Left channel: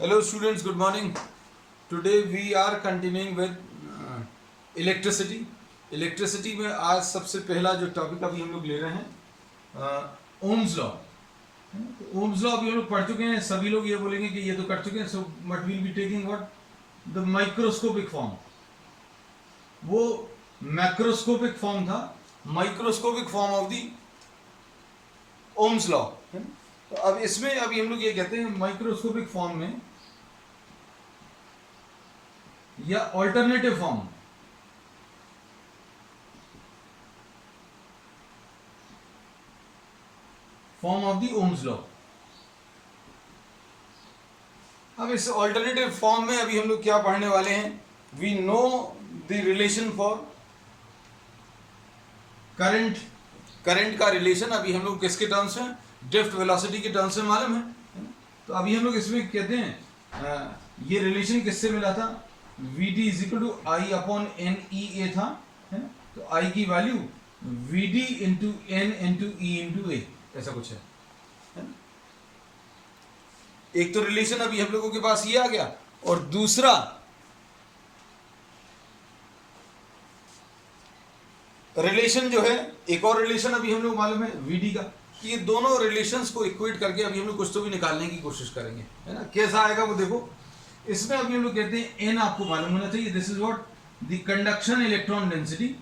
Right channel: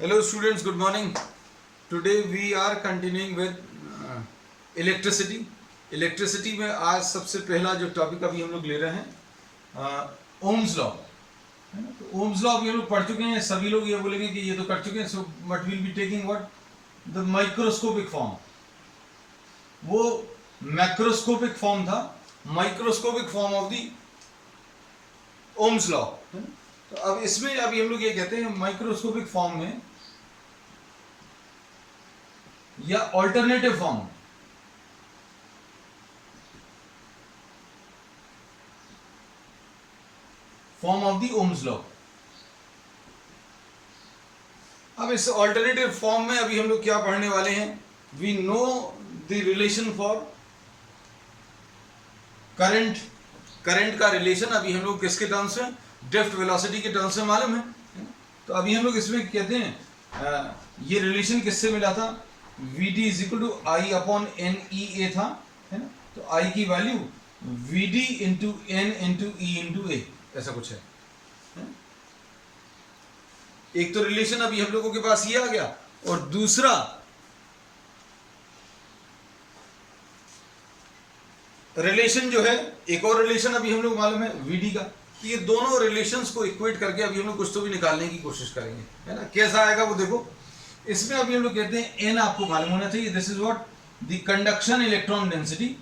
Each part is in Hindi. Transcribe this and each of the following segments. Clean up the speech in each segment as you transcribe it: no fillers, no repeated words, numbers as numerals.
Hello students, good morning. Today we are continuing with electricity. Electricity में आज सबसे पहला जो टॉपिक अभी हम लोग ले रहे हैं ओम्स लॉ. तो ओम्स लॉ अभी हम लोग पढ़ चुके हैं. सभी लोग ये बोलेंगे कि ये तो कर चुके हैं. So but will be taking what the microscopic form. वो मैक्रोस्कोपिक फॉर्म था, microscopic form of the Ohm's law. तो अब इसमें अभी हम लोग ये कहते हैं माइक्रोस्कोपिक फॉर्म में या alternative form of the Ohm's law. अब इस ऑल्टरनेटिव फॉर्म में अभी हम लोग क्या पढ़ने वाले हैं. We know the relation for current. Current का रिलेशन अभी हम लोग किसके टर्म्स में, ड्रिफ्ट वेलोसिटी के टर्म्स में मालूम है. तो अभी हम लोग इसमें कहते हैं ये रिलेशन किससे मिला था. V D is equal to I upon N E A था, है ना. तो आई की value V D into N into E into A ऐसा कुछ है. एक तो रिलेशन अभी हम लोगों के पास ये आ गया, और दूसरा रिलेशन जो है, एक और रिलेशन अभी हम लोग मालूम है वीडी का. तो ये दोनों रिलेशंस को इक्वेट करके अभी हम लोग कुछ तो भी निकालने की कोशिश करेंगे, है ना. कैसा आएगा वो देखो. इसमें अभी हम लोग कहते हैं एन आपको मालूम होना चाहिए. This is what the conduction electron density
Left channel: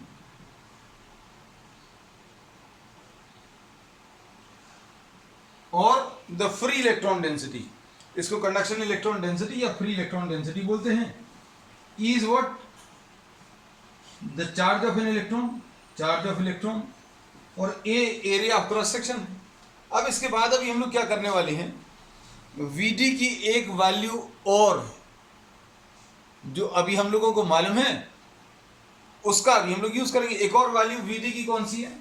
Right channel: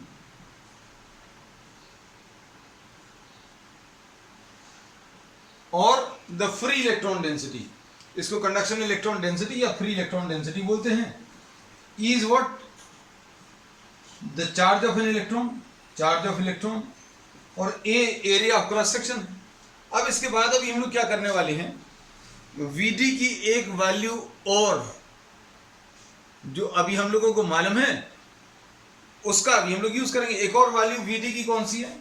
और द फ्री इलेक्ट्रॉन डेंसिटी. इसको कंडक्शन इलेक्ट्रॉन डेंसिटी या फ्री इलेक्ट्रॉन डेंसिटी बोलते हैं. E is what the charge of an electron, charge of electron, और ए एरिया ऑफ क्रॉस सेक्शन. अब इसके बाद अभी हम लोग क्या करने वाले हैं, वीडी की एक वैल्यू और जो अभी हम लोगों को मालूम है उसका अभी हम लोग यूज करेंगे. एक और वैल्यू वीडी की कौन सी है,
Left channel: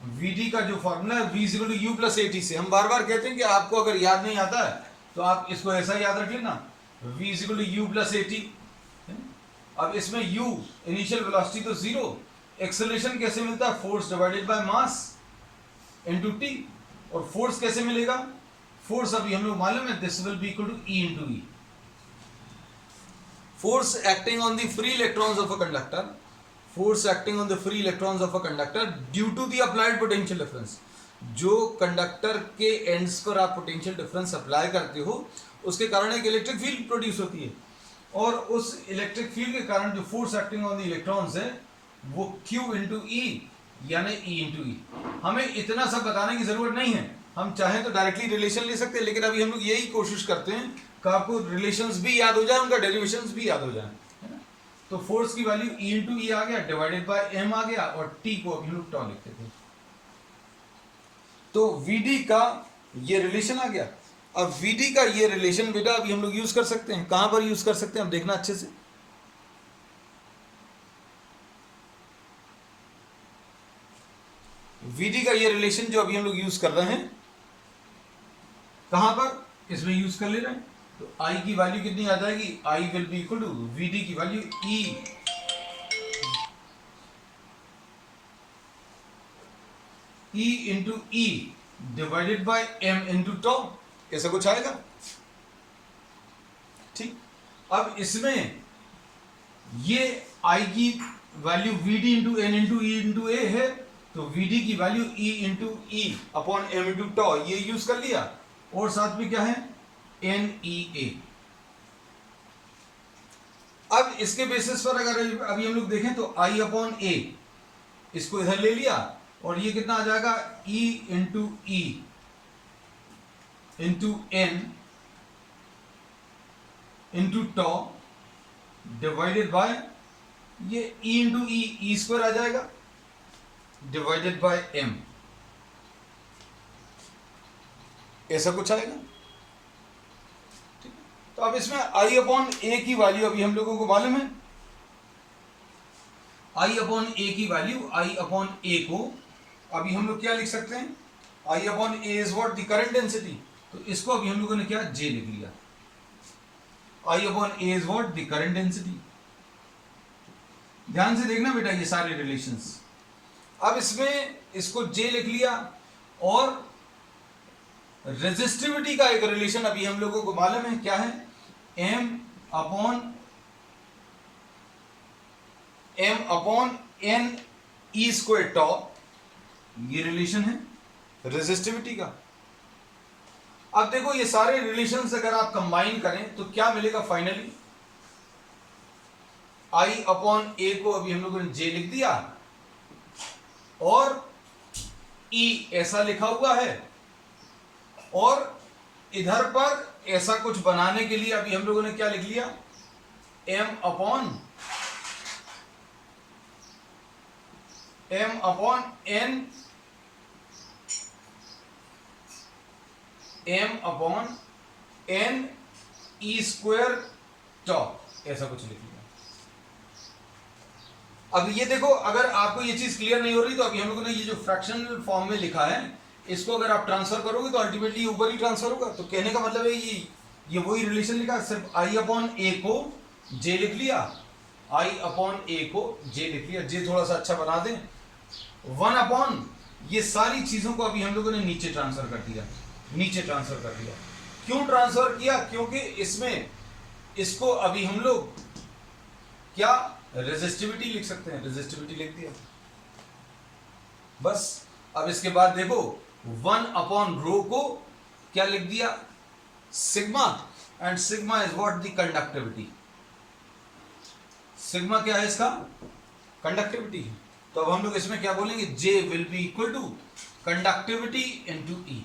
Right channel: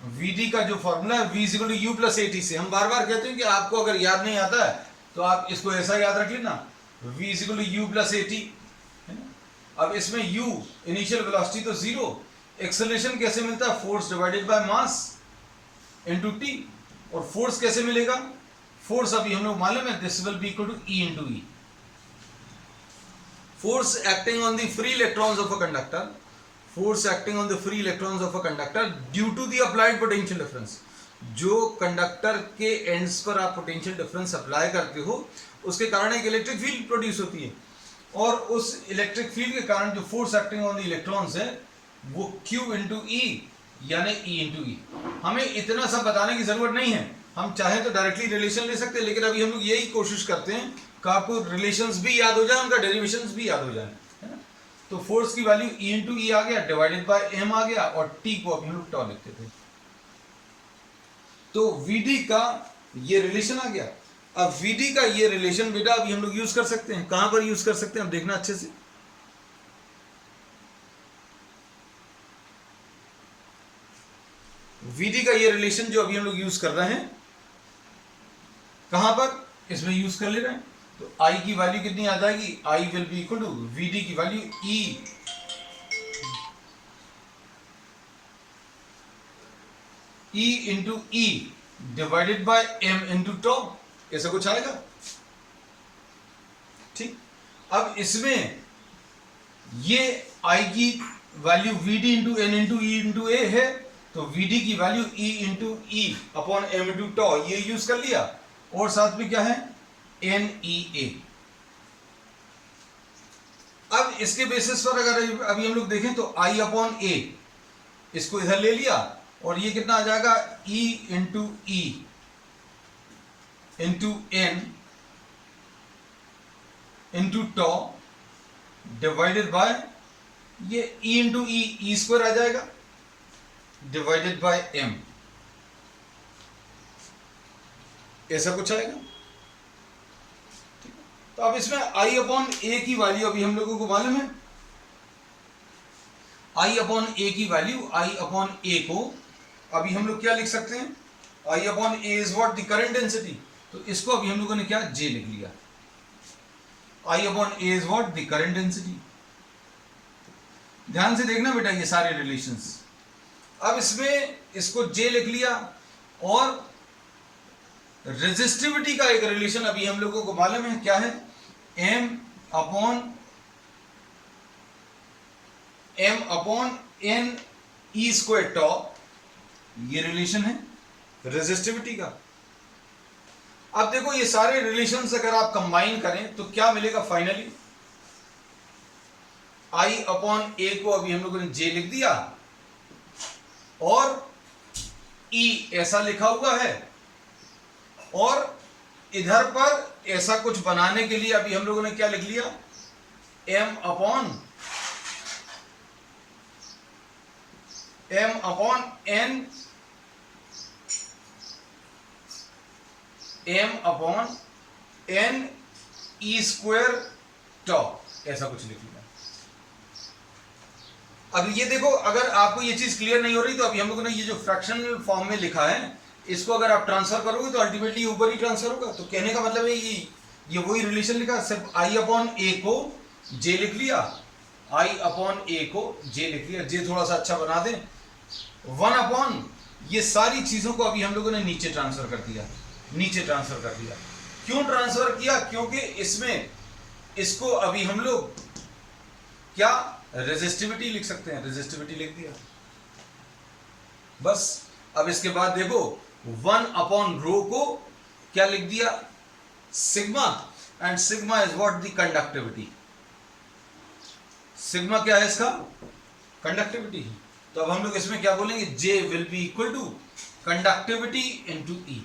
वीडी का जो फॉर्मूला है V is equal to U plus A T से. हम बार बार कहते हैं कि आपको अगर याद नहीं आता है तो आप इसको ऐसा याद रख लेना, V is equal to U plus A T. अब इसमें u इनिशियल वेलोसिटी तो जीरो, एक्सेलरेशन कैसे मिलता है, force divided by mass into T. और फोर्स कैसे मिलेगा, फोर्स अभी हम लोग मालूम है this will be equal to E into E. Force acting on the free electrons of a conductor, force acting on the free electrons of a conductor due to the applied potential difference. जो कंडक्टर के एंड्स पर आप पोटेंशियल डिफरेंस अप्लाई करते हो उसके कारण एक इलेक्ट्रिक फील्ड प्रोड्यूस होती है, और उस इलेक्ट्रिक फील्ड के कारण जो force acting on the electrons है वो Q इंटू ई यानी E इंटू ई. हमें इतना सब बताने की जरूरत नहीं है. हम चाहें तो डायरेक्टली रिलेशन ले सकते हैं, लेकिन अभी हम लोग यही कोशिश करते हैं कि आपको रिलेशंस भी याद हो जाए, उनका डेरिवेशंस भी याद हो जाए, है ना. तो फोर्स की वैल्यू E इंटू ई आ गया, डिवाइडेड बाय m आ गया, और T को अभी हम लोग टॉ लिखते थे. तो VD का ये रिलेशन आ गया. अब VD का ये रिलेशन बेटा अभी हम लोग यूज कर सकते हैं. कहां पर यूज कर सकते हैं, अब देखना अच्छे से. VD का ये रिलेशन जो अभी हम लोग यूज कर रहे हैं कहां पर, इसमें यूज कर ले रहे हैं. तो I की वैल्यू कितनी आ जाएगी, I will be equal to VD की value E into E divided by m into tau. ऐसा कुछ आएगा. ठीक. अब इसमें ये I की value VD into N into E into A है, तो VD की value E into E upon m into tau ये यूज कर लिया, और साथ में क्या है NEA. अब इसके बेसिस पर अगर अभी हम लोग देखें तो I अपॉन ए इसको इधर ले लिया, और ये कितना आ जाएगा E into E into N into tau divided by ये E इंटू ई स्क्वायर आ जाएगा डिवाइडेड बाय m. ऐसा कुछ आएगा. ठीक. तो अब इसमें I अपॉन ए की वैल्यू अभी हम लोगों को मालूम है. I अपॉन ए की वैल्यू I अपॉन ए को अभी हम लोग क्या लिख सकते हैं, I upon A is what the current density. तो इसको अभी हम लोगों ने क्या J लिख लिया. I upon A is what the current density. ध्यान से देखना बेटा ये सारे रिलेशंस. अब इसमें इसको J लिख लिया, और रेजिस्टिविटी का एक रिलेशन अभी हम लोगों को मालूम है क्या है, M upon N E square tau, ये रिलेशन है रेजिस्टिविटी का। अब देखो ये सारे रिलेशंस अगर आप कंबाइन करें तो क्या मिलेगा फाइनली, आई अपॉन ए को अभी हम लोगों ने जे लिख दिया और ई ऐसा लिखा हुआ है, और इधर पर ऐसा कुछ बनाने के लिए अभी हम लोगों ने क्या लिख लिया, M upon N E square tau, ऐसा कुछ लिख लिया। अब ये देखो, अगर आपको ये चीज क्लियर नहीं हो रही तो अभी हम लोगों ने ये जो फ्रैक्शनल फॉर्म में लिखा है इसको अगर आप ट्रांसफर करोगे तो अल्टीमेटली ऊपर ही ट्रांसफर होगा। तो कहने का मतलब है ये वही रिलेशन लिखा, सिर्फ आई अपॉन ए को जे लिख लिया, आई अपॉन ए को जे लिख लिया, जे थोड़ा सा अच्छा बना दें, वन अपॉन ये सारी चीजों को अभी हम लोगों ने नीचे ट्रांसफर कर दिया, नीचे ट्रांसफर कर दिया। क्यों ट्रांसफर किया, क्योंकि इसमें इसको अभी हम लोग क्या रेजिस्टिविटी लिख सकते हैं, रेजिस्टिविटी लिख दिया बस। अब इसके बाद देखो वन अपॉन रो को क्या लिख दिया, sigma, and sigma is what, the conductivity. Sigma क्या है इसका, कंडक्टिविटी। तो अब हम लोग इसमें क्या बोलेंगे, J will be equal to conductivity into E।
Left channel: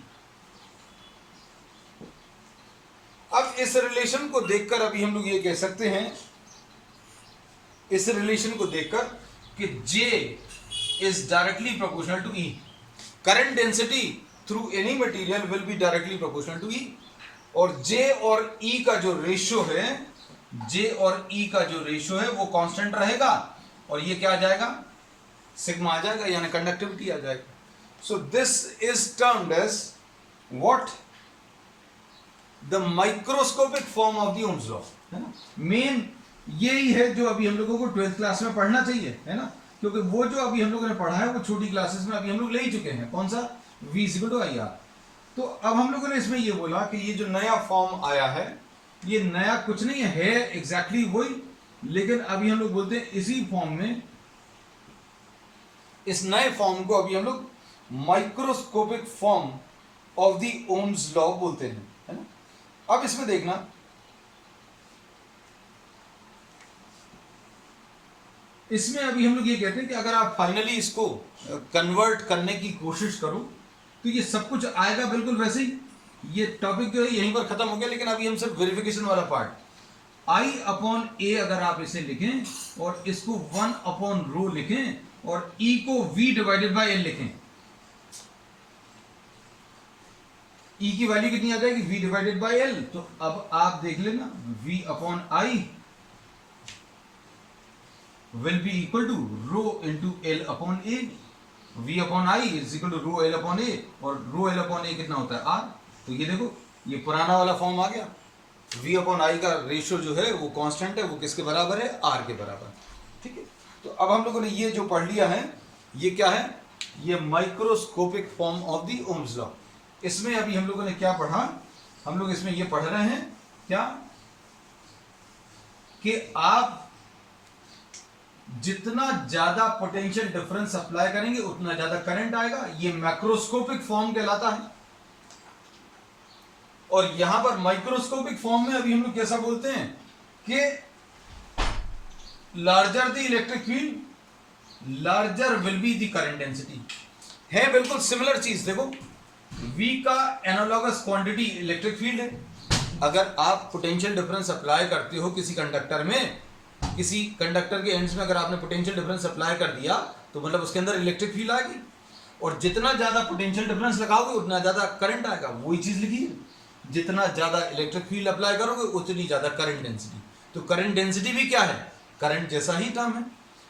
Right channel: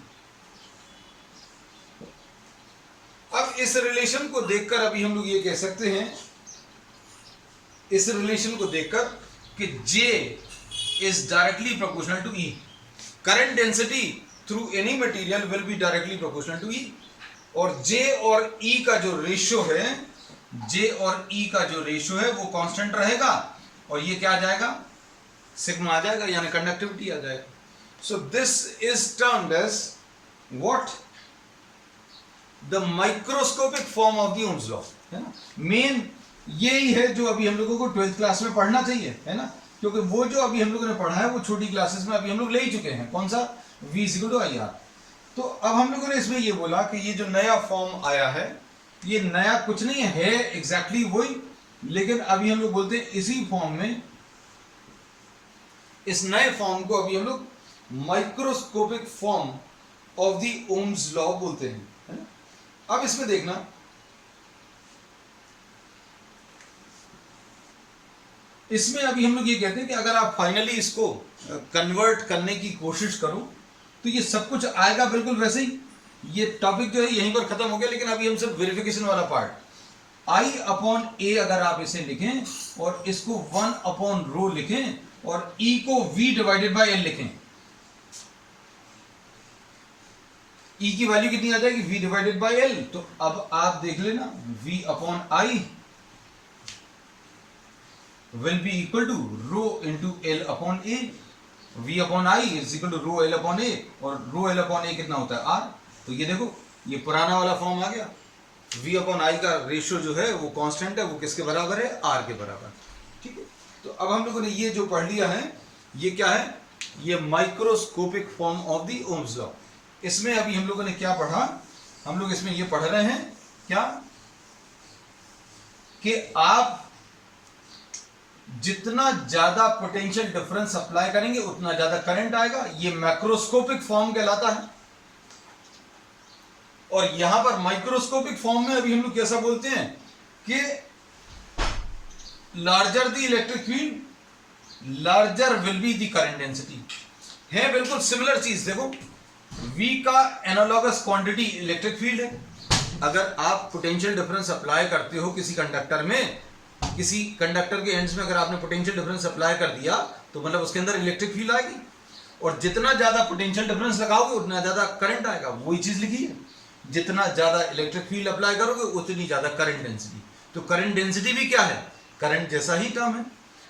अब इस रिलेशन को देखकर अभी हम लोग ये कह सकते हैं, इस रिलेशन को देखकर कि J is directly proportional to E। Current density through any material will be directly proportional to E, और J और E का जो रेशियो है, J और E का जो रेशियो है वो कांस्टेंट रहेगा, और ये क्या आ जाएगा, सिग्मा आ जाएगा, यानी कंडक्टिविटी आ जाएगा। So this is termed as what, the microscopic form of the Ohm's law, है ना। मेन यही है जो अभी हम लोगों को 12th क्लास में पढ़ना चाहिए, है ना, क्योंकि वो जो अभी हम लोगों ने पढ़ा है वो छोटी क्लासेस में अभी हम लोग ले ही चुके हैं। कौन सा, V = IR। तो अब हम लोगों ने इसमें ये बोला कि ये जो नया फॉर्म आया है, ये नया कुछ नहीं है, एग्जैक्टली वही, लेकिन अभी हम लोग बोलते हैं इसी फॉर्म में, इस नए फॉर्म को अभी हम लोग microscopic form of the Ohm's law बोलते हैं, है ना। अब इसमें देखना, इसमें अभी हम लोग ये कहते हैं कि अगर आप फाइनली इसको कन्वर्ट करने की कोशिश करो तो ये सब कुछ आएगा बिल्कुल वैसे ही। ये टॉपिक जो है यहीं पर खत्म हो गया, लेकिन अभी हम सिर्फ वेरिफिकेशन वाला पार्ट, I अपॉन ए अगर आप इसे लिखें और इसको 1 अपॉन रो लिखें और E को V डिवाइडेड बाय L लिखें, E की वैल्यू कितनी आ जाएगी, V डिवाइडेड बाय L। तो अब आप देख लेना, V upon I will be equal to rho into L upon A। V upon I is equal to rho L upon A, और rho L upon A कितना होता है, R। तो ये देखो, ये पुराना वाला फॉर्म आ गया। V upon I का रेशियो जो है वो कांस्टेंट है, वो किसके बराबर है, R के बराबर, ठीक है। तो अब हम लोगों ने ये जो पढ़ लिया है, ये क्या है, ये microscopic form of the Ohm's law. इसमें अभी हम लोगों ने क्या पढ़ा, हम लोग इसमें ये पढ़ रहे हैं क्या, कि आप जितना ज्यादा पोटेंशियल डिफरेंस अप्लाई करेंगे उतना ज्यादा करंट आएगा। ये मैक्रोस्कोपिक फॉर्म कहलाता है। और यहां पर माइक्रोस्कोपिक फॉर्म में अभी हम लोग कैसा बोलते हैं कि larger the electric field larger will be the current density. है बिल्कुल सिमिलर चीज। देखो, V का एनालॉगस क्वांटिटी इलेक्ट्रिक फील्ड है। अगर आप पोटेंशियल डिफरेंस अप्लाई करते हो किसी कंडक्टर में, किसी कंडक्टर के एंड्स में अगर आपने पोटेंशियल डिफरेंस अप्लाई कर दिया तो मतलब उसके अंदर इलेक्ट्रिक फील्ड आएगी, और जितना ज्यादा पोटेंशियल डिफरेंस लगाओगे उतना ज्यादा करंट आएगा। वही चीज लिखी है, जितना ज्यादा इलेक्ट्रिक फील्ड अप्लाई करोगे उतनी ज्यादा करंट डेंसिटी। तो करंट डेंसिटी भी क्या है, करंट जैसा ही टर्म है,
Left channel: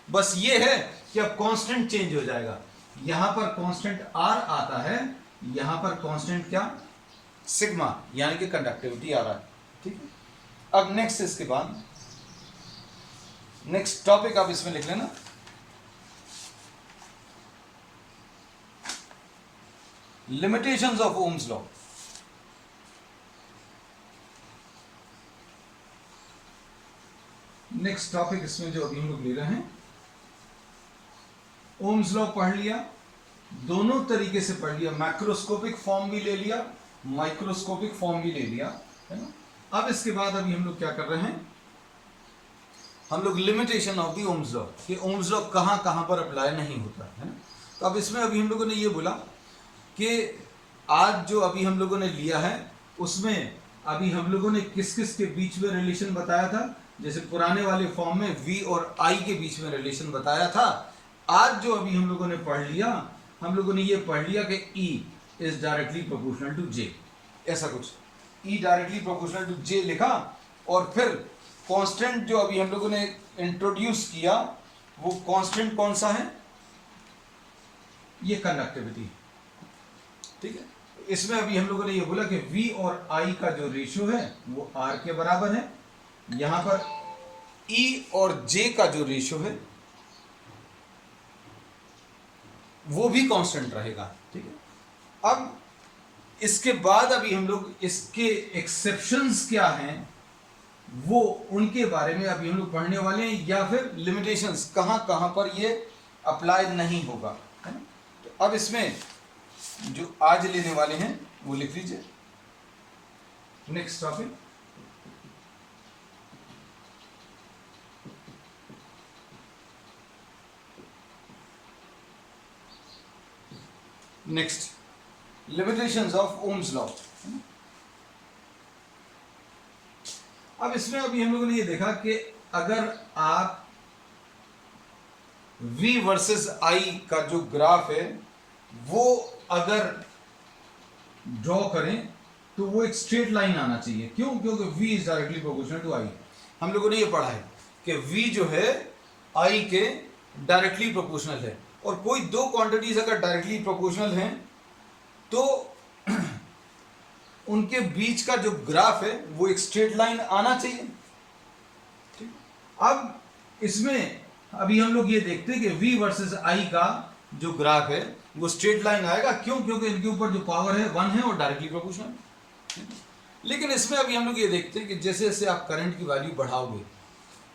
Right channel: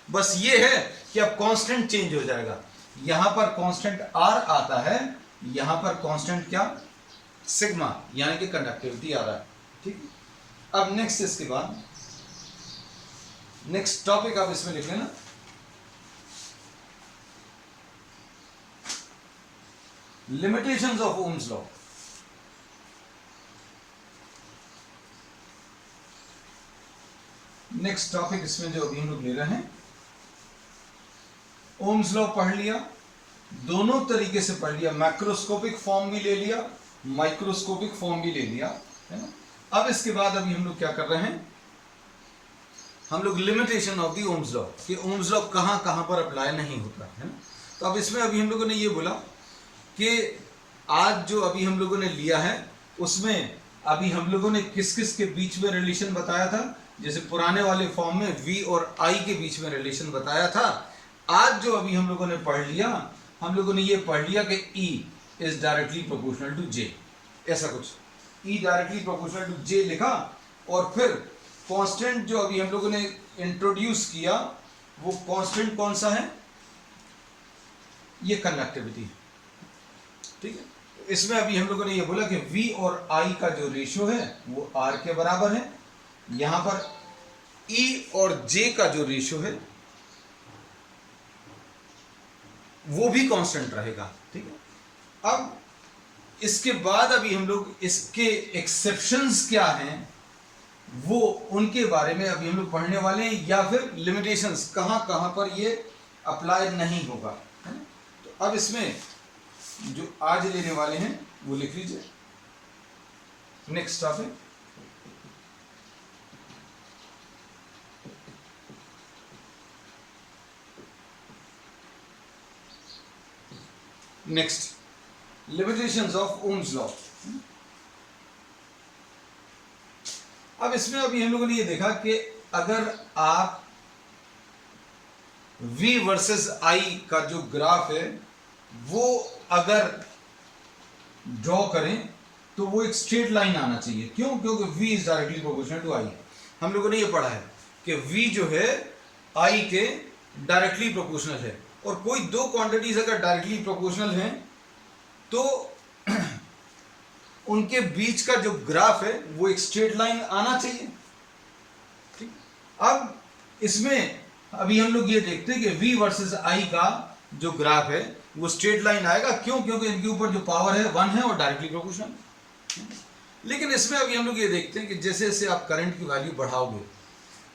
बस ये है कि अब कांस्टेंट चेंज हो जाएगा। यहां पर कांस्टेंट R आता है, यहां पर कांस्टेंट क्या, सिग्मा, यानी कि कंडक्टिविटी आ रहा है, ठीक है। अब नेक्स्ट, इसके बाद नेक्स्ट टॉपिक आप इसमें लिख लेना, limitations of Ohm's law. Next topic इसमें जो अभी हम लोग ले रहे हैं, ओम्स लॉ पढ़ लिया, दोनों तरीके से पढ़ लिया, मैक्रोस्कोपिक फॉर्म भी ले लिया, माइक्रोस्कोपिक फॉर्म भी ले लिया, है ना। अब इसके बाद अभी हम लोग क्या कर रहे हैं, हम लोग limitation of the Ohm's law, कि ओम्स लॉ कहाँ कहाँ पर अप्लाई नहीं होता है ना। तो अब इसमें अभी हम लोगों ने ये बोला कि आज जो अभी हम लोगों ने लिया है उसमें अभी हम लोगों ने किस किस के बीच में रिलेशन बताया था। जैसे पुराने वाले फॉर्म में v और i के बीच में रिलेशन बताया था। आज जो अभी हम लोगों ने पढ़ लिया, हम लोगों ने ये पढ़ लिया कि e is directly proportional to j, ऐसा कुछ e directly proportional to j लिखा। और फिर कांस्टेंट जो अभी हम लोगों ने इंट्रोड्यूस किया, वो कांस्टेंट कौन सा है, ये कंडक्टिविटी, ठीक है। इसमें अभी हम लोगों ने ये बोला कि v और i का जो रेशियो है वो r के बराबर है। यहां पर e और j का जो रेशियो है वो भी कांस्टेंट रहेगा, ठीक है। अब इसके बाद अभी हम लोग इसके एक्सेप्शंस क्या हैं वो उनके बारे में अभी हम लोग पढ़ने वाले हैं, या फिर लिमिटेशंस कहां कहां पर ये अप्लाई नहीं होगा, है ना। तो अब इसमें जो आज लेने वाले हैं वो लिख लीजिए। Next topic, next limitations of Ohm's law. अब इसमें अभी हम लोगों ने ये देखा कि अगर आप v वर्सेस i का जो ग्राफ है वो अगर ड्रॉ करें तो वो एक स्ट्रेट लाइन आना चाहिए। क्यों? क्योंकि v is directly proportional to i। हम लोगों ने ये पढ़ा है कि v जो है i के डायरेक्टली प्रोपोर्शनल है, और कोई दो क्वांटिटीज अगर डायरेक्टली प्रोपोर्शनल हैं तो उनके बीच का जो ग्राफ है वो एक स्ट्रेट लाइन आना चाहिए, ठीक। अब इसमें अभी हम लोग ये देखते हैं कि v वर्सेस i का जो ग्राफ है वो स्ट्रेट लाइन आएगा। क्यों? क्योंकि इनके ऊपर जो पावर है 1 है और डायरेक्टली प्रोपोर्शनल। लेकिन इसमें अभी हम लोग ये देखते हैं कि जैसे जैसे आप करंट की वैल्यू बढ़ाओगे,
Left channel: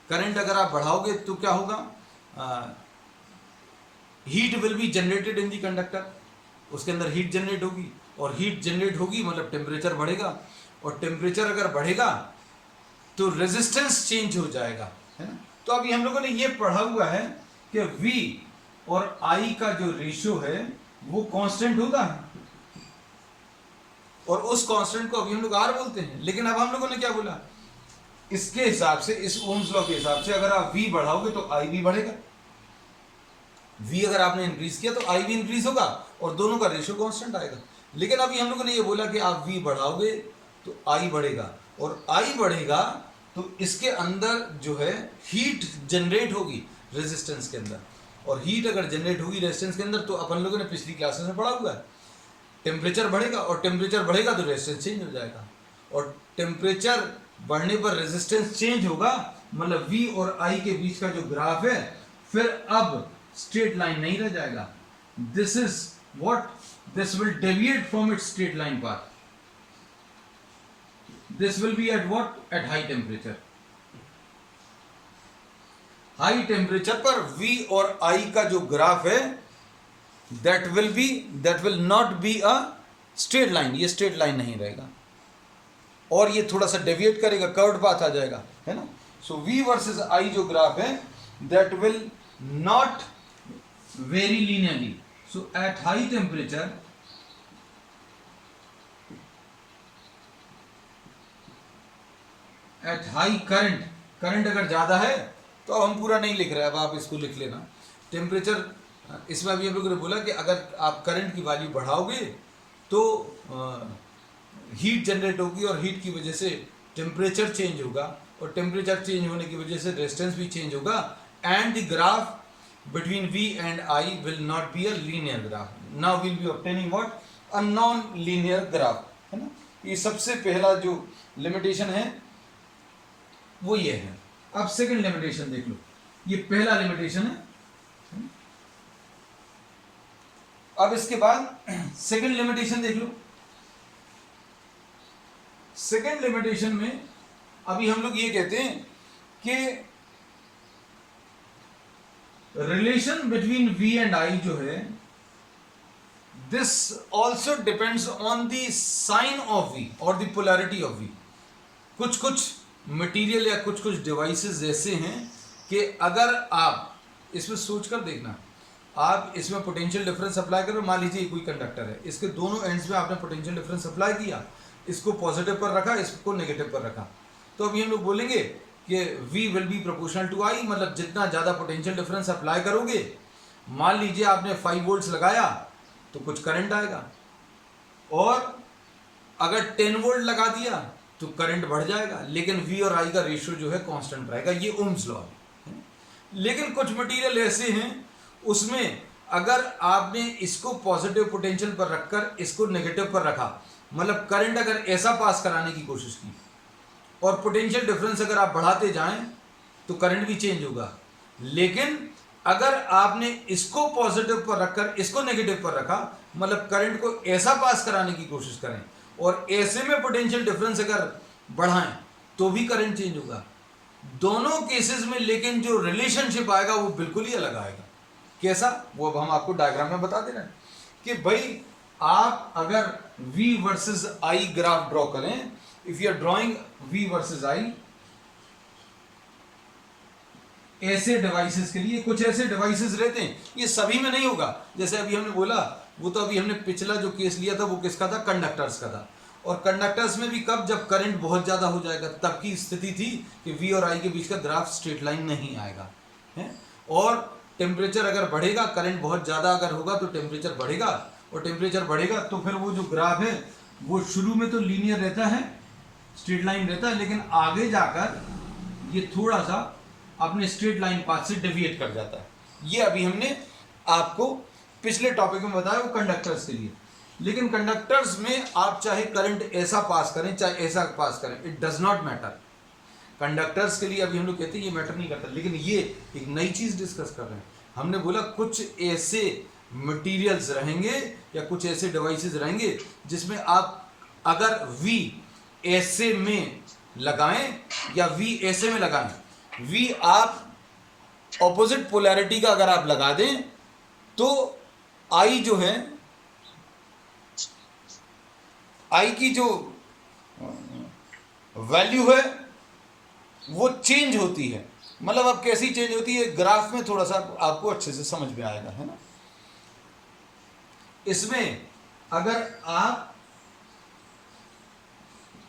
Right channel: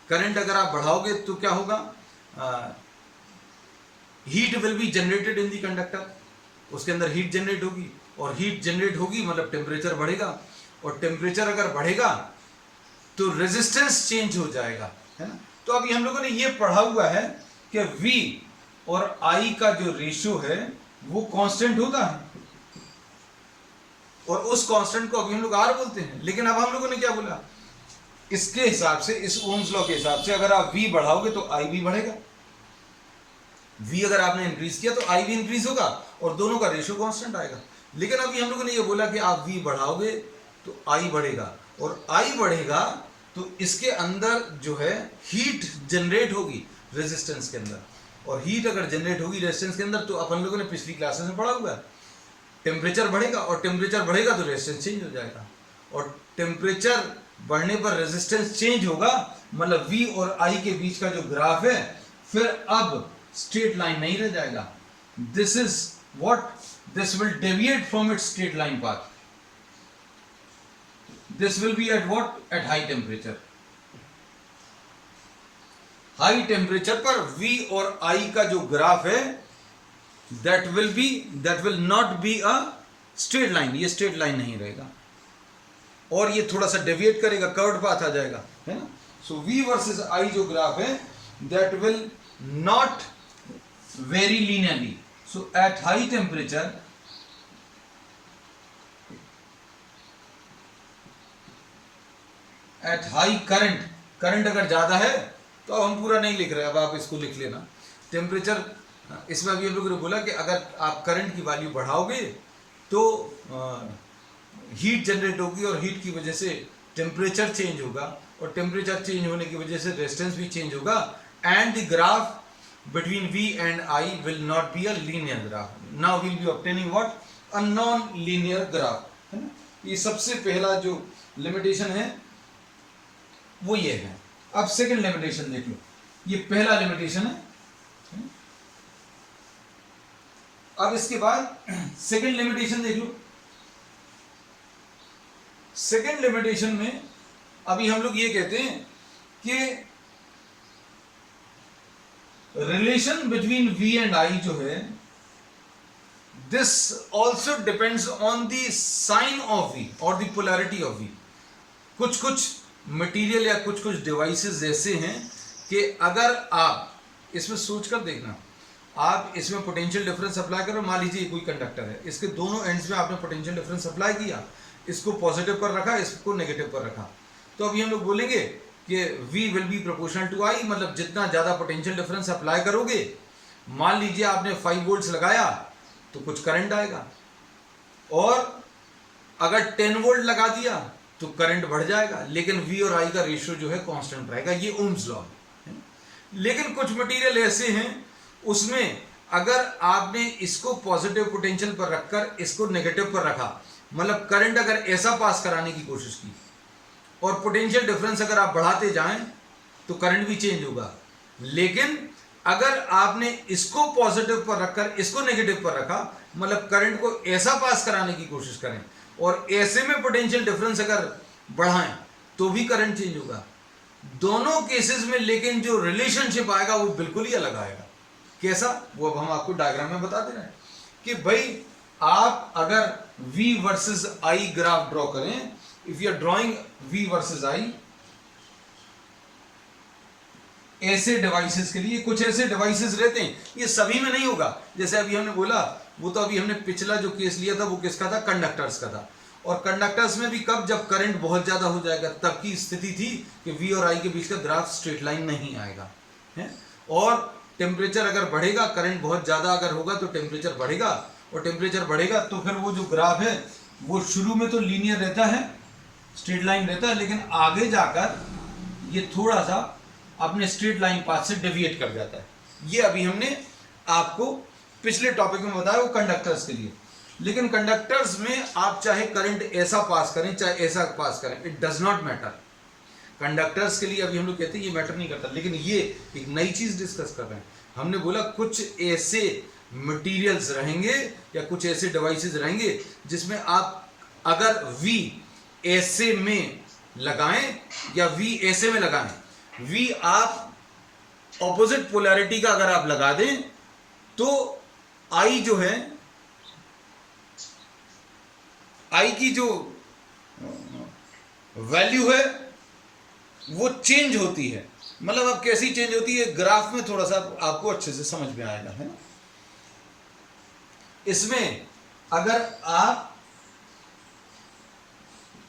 करंट अगर आप बढ़ाओगे तो क्या होगा, heat will be generated in the conductor, उसके अंदर हीट जनरेट होगी, और हीट जनरेट होगी मतलब टेम्परेचर बढ़ेगा, और टेम्परेचर अगर बढ़ेगा तो रेजिस्टेंस चेंज हो जाएगा, है ना। तो अभी हम लोगों ने ये पढ़ा हुआ है कि v और i का जो रेशियो है वो कांस्टेंट होता है, और उस कांस्टेंट को अभी हम लोग r बोलते हैं। लेकिन अब हम लोगों ने क्या बोला, इसके हिसाब से, इस ओम्स लॉ के हिसाब से अगर आप v बढ़ाओगे तो i भी बढ़ेगा, v अगर आपने इंक्रीज किया तो i भी इंक्रीज होगा, और दोनों का रेशियो कांस्टेंट आएगा। लेकिन अभी हम लोगों ने ये बोला कि आप v बढ़ाओगे तो i बढ़ेगा, और i बढ़ेगा तो इसके अंदर जो है हीट जनरेट होगी रेजिस्टेंस के अंदर, और हीट अगर जनरेट होगी रेजिस्टेंस के अंदर तो अपन लोगों ने पिछली क्लासेस में पढ़ा हुआ है, टेम्परेचर बढ़ेगा, और टेम्परेचर बढ़ेगा तो रेजिस्टेंस चेंज हो जाएगा, और टेम्परेचर बढ़ने पर रेजिस्टेंस चेंज होगा, मतलब v और i के बीच का जो ग्राफ है फिर अब स्ट्रेट लाइन नहीं रह जाएगा। This is what, this will deviate from its straight line path. This will be at what? At high temperature. High temperature पर v और i का जो ग्राफ है that will not be a straight line, ये straight line नहीं रहेगा, और ये थोड़ा सा डेविएट करेगा, कर्व्ड पाथ आ जाएगा, है ना। सो v वर्सेस i जो ग्राफ है that will not vary linearly. So at high temperature at high current, current अगर ज़्यादा है तो अब हम पूरा नहीं लिख रहे, अब आप इसको लिख लेना। टेम्परेचर, इसमें अभी हम लोगों ने बोला कि अगर आप करंट की वैल्यू बढ़ाओगे तो हीट जनरेट होगी, और हीट की वजह से टेम्परेचर चेंज होगा, और टेम्परेचर चेंज होने की वजह से रेजिस्टेंस भी चेंज होगा, and the graph between v and i will not be a linear graph. Now will be obtaining what, a non linear graph, है ना। ये सबसे पहला जो लिमिटेशन है वो ये है। अब सेकंड लिमिटेशन देख लो, ये पहला लिमिटेशन है। अब इसके बाद सेकंड लिमिटेशन देख लो। सेकंड लिमिटेशन में अभी हम लोग ये कहते हैं कि relation between V and I जो है, this also depends on the sign of V और द पोलैरिटी ऑफ V। कुछ कुछ मटेरियल या कुछ कुछ डिवाइसेस ऐसे हैं कि अगर आप इसमें सोचकर देखना, आप इसमें पोटेंशियल डिफरेंस अप्लाई करो, मान लीजिए कोई कंडक्टर है, इसके दोनों एंड्स में आपने पोटेंशियल डिफरेंस अप्लाई किया, इसको पॉजिटिव पर रखा, इसको नेगेटिव पर रखा, तो अभी हम लोग बोलेंगे कि V will be proportional to I, मतलब जितना ज़्यादा पोटेंशियल डिफरेंस अप्लाई करोगे, मान लीजिए आपने 5 वोल्ट्स लगाया तो कुछ करंट आएगा, और अगर 10 वोल्ट लगा दिया तो करंट बढ़ जाएगा, लेकिन V और I का रेशियो जो है कांस्टेंट रहेगा। ये ओम्स लॉ है। लेकिन कुछ मटेरियल ऐसे हैं उसमें अगर आपने इसको पॉजिटिव पोटेंशियल पर रखकर इसको नेगेटिव पर रखा, मतलब करंट अगर ऐसा पास कराने की कोशिश की और पोटेंशियल डिफरेंस अगर आप बढ़ाते जाएं तो करंट भी चेंज होगा, लेकिन अगर आपने इसको पॉजिटिव पर रखकर इसको नेगेटिव पर रखा, मतलब करंट को ऐसा पास कराने की कोशिश करें और ऐसे में पोटेंशियल डिफरेंस अगर बढ़ाएं तो भी करंट चेंज होगा। दोनों केसेस में लेकिन जो रिलेशनशिप आएगा वो बिल्कुल ही अलग आएगा। कैसा, वो अब हम आपको डायग्राम में बता दे रहे हैं कि भाई आप अगर V versus I graph draw करें, if you are drawing V versus I, ऐसे डिवाइसेस के लिए कुछ ऐसे डिवाइसेस रहते हैं, ये सभी में नहीं होगा। जैसे अभी हमने बोला, वो तो अभी हमने पिछला जो केस लिया था वो किसका था, कंडक्टर्स का था, और कंडक्टर्स में भी कब, जब करंट बहुत ज्यादा हो जाएगा तब की स्थिति थी कि V और I के बीच का ग्राफ स्ट्रेट लाइन नहीं आएगा है। और टेम्परेचर अगर बढ़ेगा, करंट बहुत ज़्यादा अगर होगा तो टेम्परेचर बढ़ेगा, और टेम्परेचर बढ़ेगा तो फिर वो जो ग्राफ है वो शुरू में तो लीनियर रहता है, स्ट्रेट लाइन रहता है, लेकिन आगे जाकर ये थोड़ा सा अपने स्ट्रेट लाइन पाथ से डेविएट कर जाता है। ये अभी हमने आपको पिछले टॉपिक में बताया वो कंडक्टर्स के लिए। लेकिन कंडक्टर्स में आप चाहे करंट ऐसा पास करें चाहे ऐसा पास करें, it does not matter. Conductors के लिए अभी हम लोग कहते हैं ये मैटर नहीं करता, लेकिन ये एक नई चीज डिस्कस कर रहे हैं। हमने बोला कुछ ऐसे मटेरियल्स रहेंगे या कुछ ऐसे डिवाइसेस रहेंगे जिसमें आप अगर V ऐसे में लगाएं या V ऐसे में लगाएं, V आप ऑपोजिट पोलैरिटी का अगर आप लगा दें तो I जो है, I की जो वैल्यू है वो चेंज होती है। मतलब अब कैसी चेंज होती है, ग्राफ में थोड़ा सा आपको अच्छे से समझ में आएगा, है ना। इसमें अगर आप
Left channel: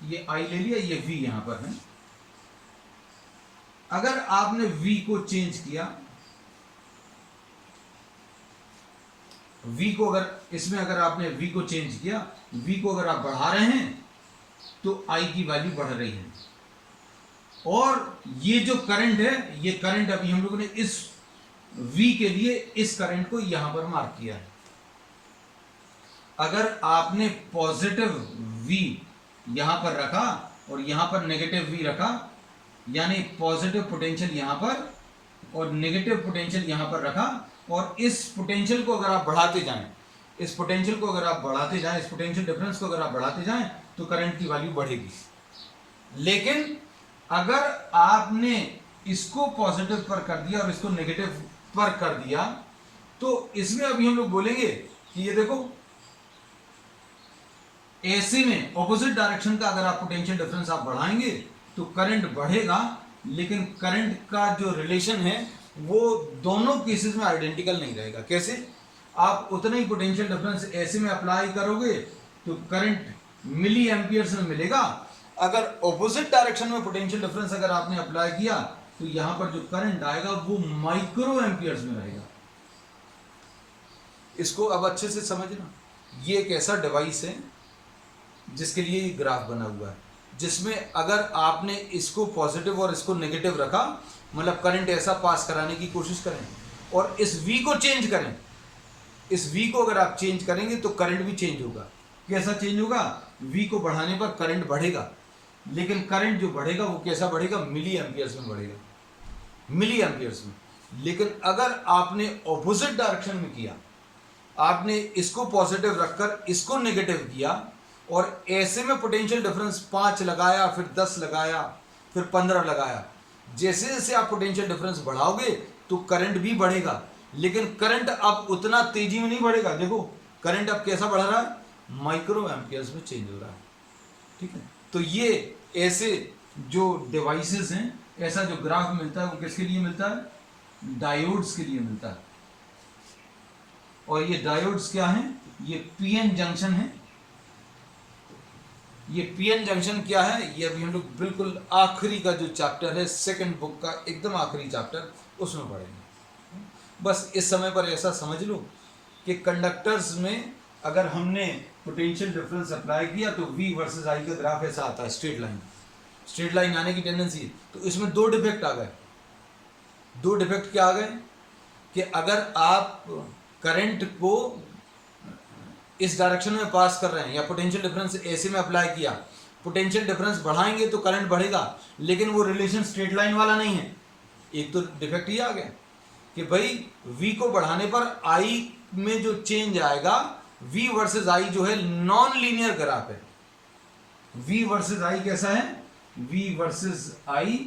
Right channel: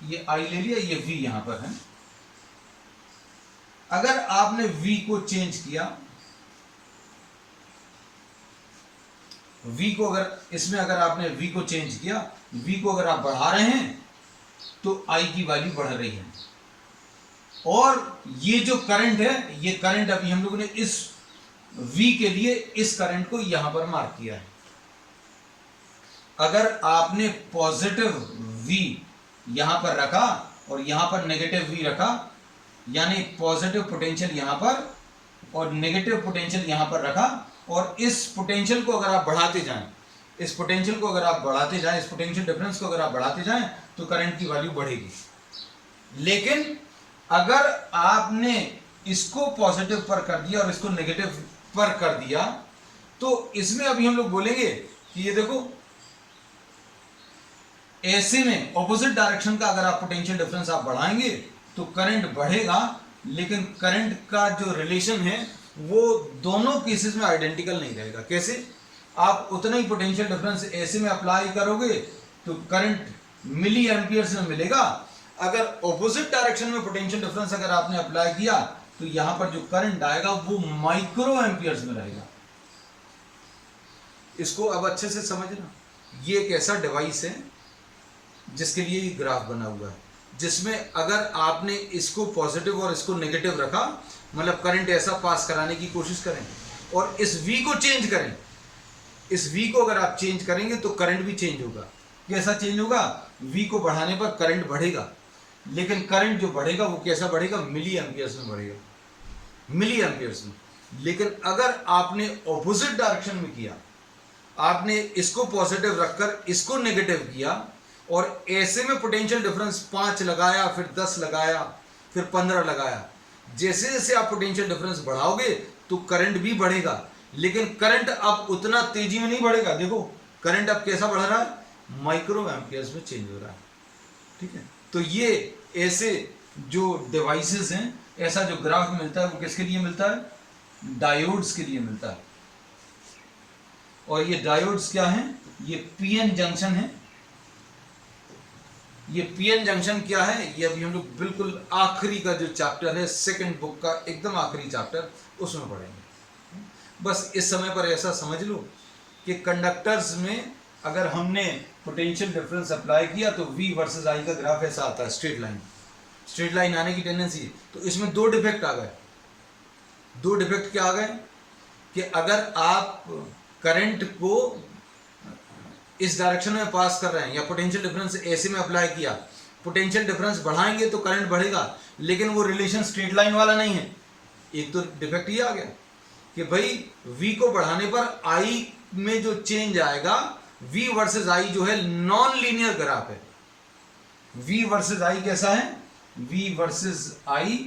ये I ले लिया, ये V यहां पर है, अगर आपने V को चेंज किया, V को अगर इसमें अगर आपने V को चेंज किया, V को अगर आप बढ़ा रहे हैं तो I की वैल्यू बढ़ रही है, और ये जो करंट है, ये करंट अभी हम लोगों ने इस V के लिए इस करंट को यहां पर मार्क किया है। अगर आपने पॉजिटिव V यहां पर रखा और यहां पर नेगेटिव V रखा, यानी पॉजिटिव पोटेंशियल यहां पर और नेगेटिव पोटेंशियल यहां पर रखा, और इस पोटेंशियल को अगर आप बढ़ाते जाएं, इस पोटेंशियल को अगर आप बढ़ाते जाएं, इस पोटेंशियल डिफरेंस को अगर आप बढ़ाते जाएं तो करंट की वैल्यू बढ़ेगी। लेकिन अगर आपने इसको पॉजिटिव पर कर दिया और इसको नेगेटिव पर कर दिया, तो इसमें अभी हम लोग बोलेंगे कि ये देखो, ऐसे में ऑपोजिट डायरेक्शन का अगर आप पोटेंशियल डिफरेंस आप बढ़ाएंगे तो करंट बढ़ेगा, लेकिन करंट का जो रिलेशन है वो दोनों केसेस में आइडेंटिकल नहीं रहेगा। कैसे, आप उतना ही पोटेंशियल डिफरेंस ऐसे में अप्लाई करोगे तो करंट मिली एम्पियर्स में मिलेगा, अगर ऑपोजिट डायरेक्शन में पोटेंशियल डिफरेंस अगर आपने अप्लाई किया तो यहां पर जो करंट आएगा वो माइक्रो एम्पियर्स में रहेगा। इसको अब अच्छे से समझना, ये एक ऐसा डिवाइस है जिसके लिए ये ग्राफ बना हुआ है, जिसमें अगर आपने इसको पॉजिटिव और इसको नेगेटिव रखा, मतलब करंट ऐसा पास कराने की कोशिश करें और इस V को चेंज करें, इस V को अगर आप चेंज करेंगे तो करंट भी चेंज होगा। कैसा चेंज होगा, V को बढ़ाने पर करंट बढ़ेगा, लेकिन करंट जो बढ़ेगा वो कैसा बढ़ेगा, मिली एम्पियर्स में बढ़ेगा, मिली एम्पियर्स में। लेकिन अगर आपने ऑपोजिट डायरेक्शन में किया, आपने इसको पॉजिटिव रखकर इसको नेगेटिव किया और ऐसे में पोटेंशियल डिफरेंस 5 लगाया, फिर 10 लगाया, फिर 15 लगाया, जैसे जैसे आप पोटेंशियल डिफरेंस बढ़ाओगे तो करंट भी बढ़ेगा, लेकिन करंट अब उतना तेजी में नहीं बढ़ेगा। देखो करंट अब कैसा बढ़ रहा है, माइक्रो एम्पियर्स में चेंज हो रहा है, ठीक है। तो ये ऐसे जो डिवाइसेस हैं, ऐसा जो ग्राफ मिलता है वो किसके लिए मिलता है, डायोड्स के लिए मिलता है। और ये डायोड्स क्या हैं, ये पीएन जंक्शन है। ये पीएन जंक्शन क्या है, ये अभी हम लोग बिल्कुल आखिरी का जो चैप्टर है सेकंड बुक का एकदम आखिरी चैप्टर, उसमें पढ़ेंगे। बस इस समय पर ऐसा समझ लो कि कंडक्टर्स में अगर हमने पोटेंशियल डिफरेंस अप्लाई किया तो V वर्सेस I का ग्राफ ऐसा आता है, स्ट्रेट लाइन आने की टेंडेंसी। तो इसमें दो डिफेक्ट आ गए। दो डिफेक्ट क्या आ गए कि अगर आप करंट को इस डायरेक्शन में पास कर रहे हैं या पोटेंशियल डिफरेंस ऐसे में अप्लाई किया, पोटेंशियल डिफरेंस बढ़ाएंगे तो करंट बढ़ेगा, लेकिन वो रिलेशन स्ट्रेट लाइन वाला नहीं है। एक तो डिफेक्ट ये आ गया कि भाई V को बढ़ाने पर I में जो चेंज आएगा, V वर्सेस I जो है नॉन लीनियर ग्राफ है। V वर्सेस I कैसा है, V versus I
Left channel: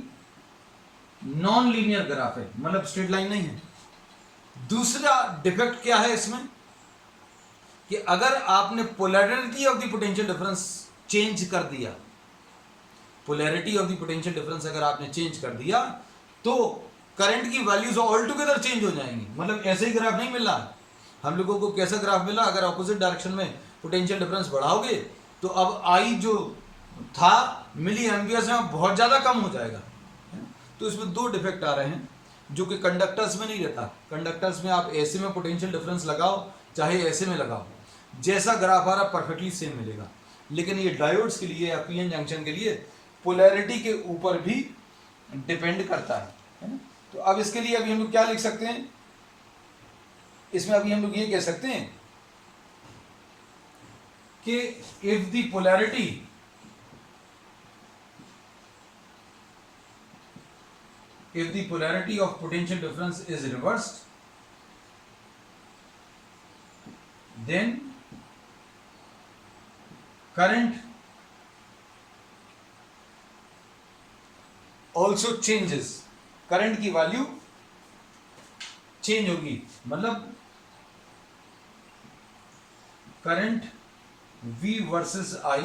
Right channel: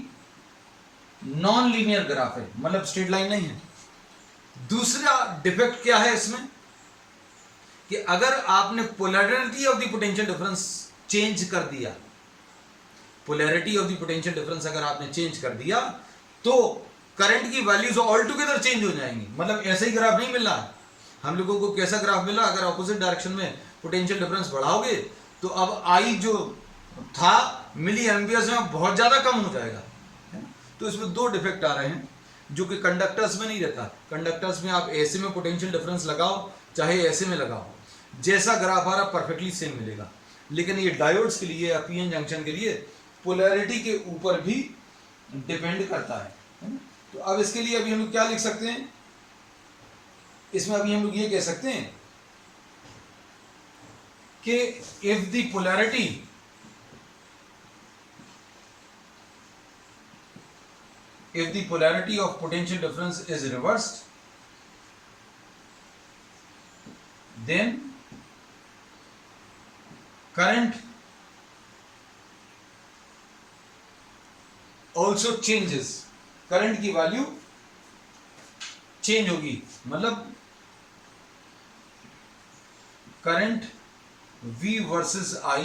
non linear graph है, मतलब स्ट्रेट लाइन नहीं है। दूसरा डिफेक्ट क्या है इसमें कि अगर आपने polarity of the potential difference change कर दिया, polarity of the potential difference अगर आपने चेंज कर दिया तो करंट की वैल्यूज ऑल टुगेदर चेंज हो जाएंगी। मतलब ऐसे ही ग्राफ नहीं मिल रहा है हम लोगों को। कैसा ग्राफ मिला, अगर ऑपोजिट डायरेक्शन में पोटेंशियल डिफरेंस बढ़ाओगे तो अब I जो था मिली एम्पियर्स में बहुत ज्यादा कम हो जाएगा। तो इसमें दो डिफेक्ट आ रहे हैं जो कि कंडक्टर्स में नहीं रहता। कंडक्टर्स में आप ऐसे में पोटेंशियल डिफरेंस लगाओ चाहे ऐसे में लगाओ, जैसा ग्राफ आ रहा पोर्फेक्टली सेम मिलेगा। लेकिन ये डायोड्स के लिए या पीएन जंक्शन के लिए पोलैरिटी के ऊपर भी डिपेंड करता है। तो अब इसके लिए अभी हम लोग क्या लिख सकते हैं, इसमें अभी हम लोग ये कह सकते हैं कि if the polarity of potential difference is reversed, then current also changes। Current की वैल्यू चेंज होगी, मतलब current V versus I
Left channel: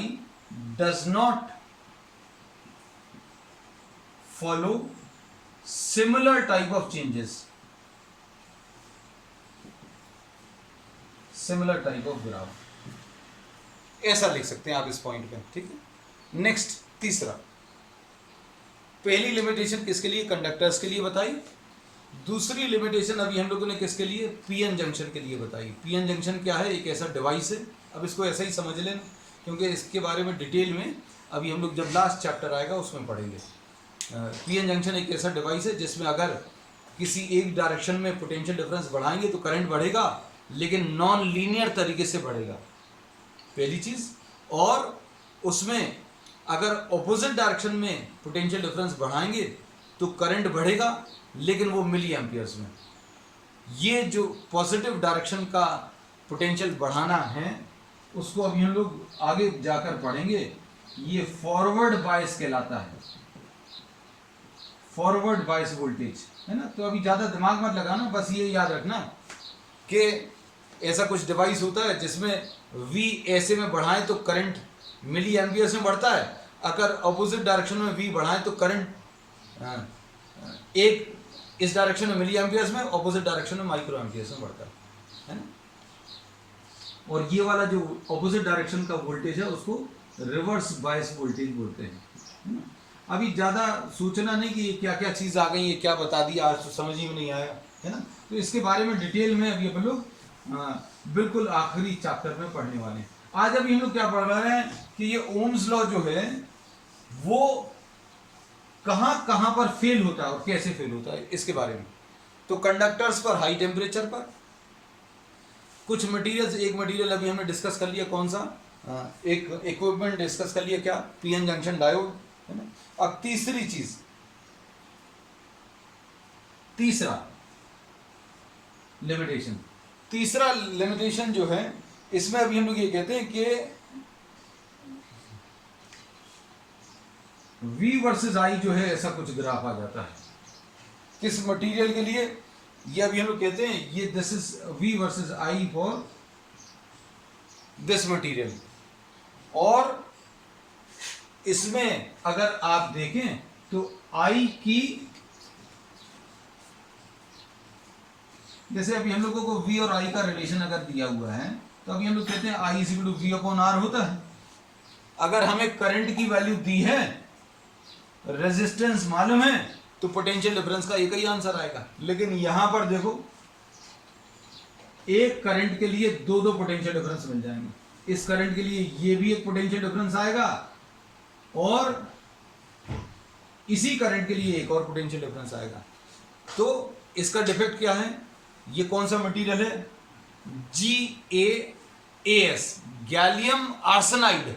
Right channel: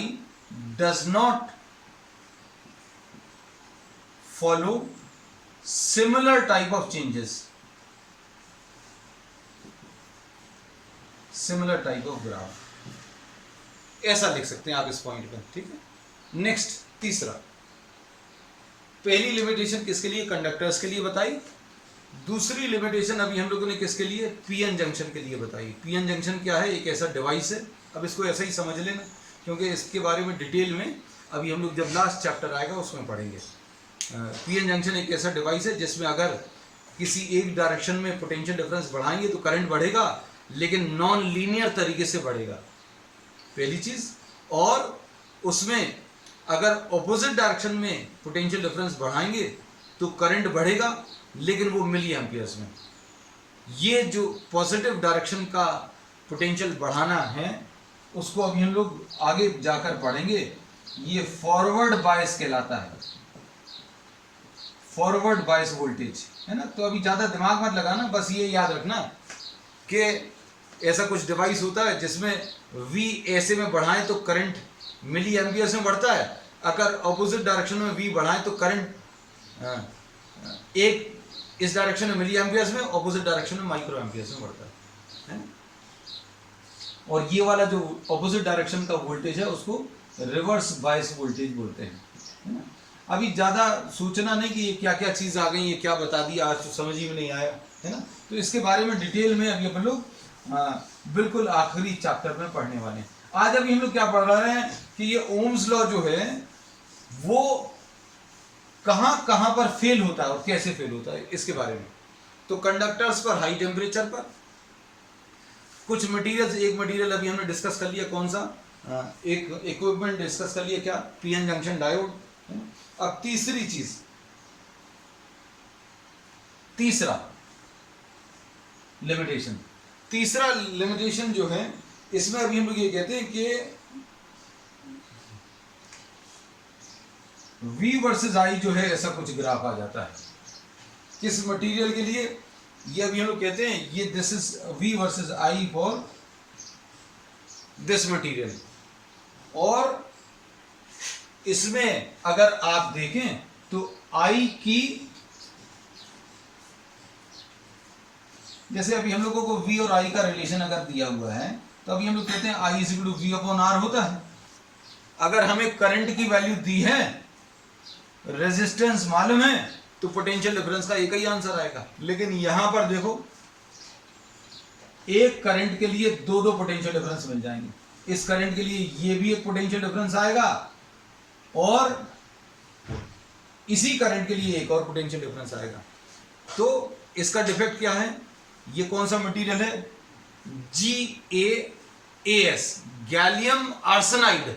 does not follow similar type of changes, similar type of graph, ऐसा लिख सकते हैं आप इस पॉइंट पे, ठीक है। नेक्स्ट तीसरा, पहली लिमिटेशन किसके लिए, कंडक्टर्स के लिए बताई। दूसरी लिमिटेशन अभी हम लोगों ने किसके लिए, पीएन जंक्शन के लिए बताई। पीएन जंक्शन क्या है, एक ऐसा डिवाइस है। अब इसको ऐसा ही समझ लेना, क्योंकि इसके बारे में डिटेल में अभी हम लोग जब लास्ट चैप्टर आएगा उसमें पढ़ेंगे। पीएन जंक्शन एक ऐसा डिवाइस है जिसमें अगर किसी एक डायरेक्शन में पोटेंशियल डिफरेंस बढ़ाएंगे तो करंट बढ़ेगा, लेकिन नॉन लीनियर तरीके से बढ़ेगा, पहली चीज। और उसमें अगर ऑपोजिट डायरेक्शन में पोटेंशियल डिफरेंस बढ़ाएंगे तो करंट बढ़ेगा, लेकिन वो मिली एम्पियर्स में। ये जो पॉजिटिव डायरेक्शन का पोटेंशियल बढ़ाना है उसको अभी हम लोग आगे जाकर पढ़ेंगे। ये फॉरवर्ड बायस कहलाता है, फॉरवर्ड बायस वोल्टेज, है ना। तो अभी ज़्यादा दिमाग मत लगाना, बस ये याद रखना कि ऐसा कुछ डिवाइस होता है जिसमें V ऐसे में बढ़ाएं तो करंट मिली एम्पियर्स में बढ़ता है, अगर ऑपोजिट डायरेक्शन में V बढ़ाएं तो करंट एक इस डायरेक्शन में मिली एम्पियर्स में, ऑपोजिट डायरेक्शन में माइक्रो एम्पियर्स में बढ़ता है ना। और ये वाला जो ऑपोजिट डायरेक्शन का वोल्टेज है उसको रिवर्स बायस वोल्टेज बोलते हैं, है ना। अभी ज़्यादा सोचना नहीं कि ये क्या क्या चीज़ आ गई, ये क्या बता दिया, आज तो समझ ही में नहीं आया, है ना। तो इसके बारे में डिटेल में अभी अपन लोग बिल्कुल आखिरी चैप्टर में पढ़ने वाले हैं। आज अभी हम लोग क्या पढ़ रहे हैं कि ये ओम्स लॉ जो है वो कहाँ पर फेल होता है और कैसे फेल होता है, इसके बारे में। तो कंडक्टर्स पर हाई टेम्परेचर पर कुछ मटेरियल्स, एक मटेरियल अभी हमने डिस्कस कर लिया, कौन सा, एक इक्विपमेंट डिस्कस कर लिया, क्या, पीएन जंक्शन डायोड, है ना। अब तीसरी चीज, तीसरा लिमिटेशन, तीसरा लिमिटेशन जो है इसमें अभी हम लोग ये कहते हैं कि V वर्सेस I जो है ऐसा कुछ ग्राफ आ जाता है। किस मटेरियल के लिए, ये अभी हम लोग कहते हैं ये this is V versus I for this material. और इसमें अगर आप देखें तो I की, जैसे अभी हम लोगों को V और I का रिलेशन अगर दिया हुआ है तो अभी हम लोग कहते हैं I is equal to V upon R होता है। अगर हमें करंट की वैल्यू दी है, रेजिस्टेंस मालूम है, तो पोटेंशियल डिफरेंस का एक ही आंसर आएगा। लेकिन यहां पर देखो, एक करंट के लिए दो दो पोटेंशियल डिफरेंस मिल जाएंगे। इस करंट के लिए ये भी एक पोटेंशियल डिफरेंस आएगा और इसी करंट के लिए एक और पोटेंशियल डिफरेंस आएगा। तो इसका डिफेक्ट क्या है? ये कौन सा मटेरियल है? GaAs, gallium arsenide.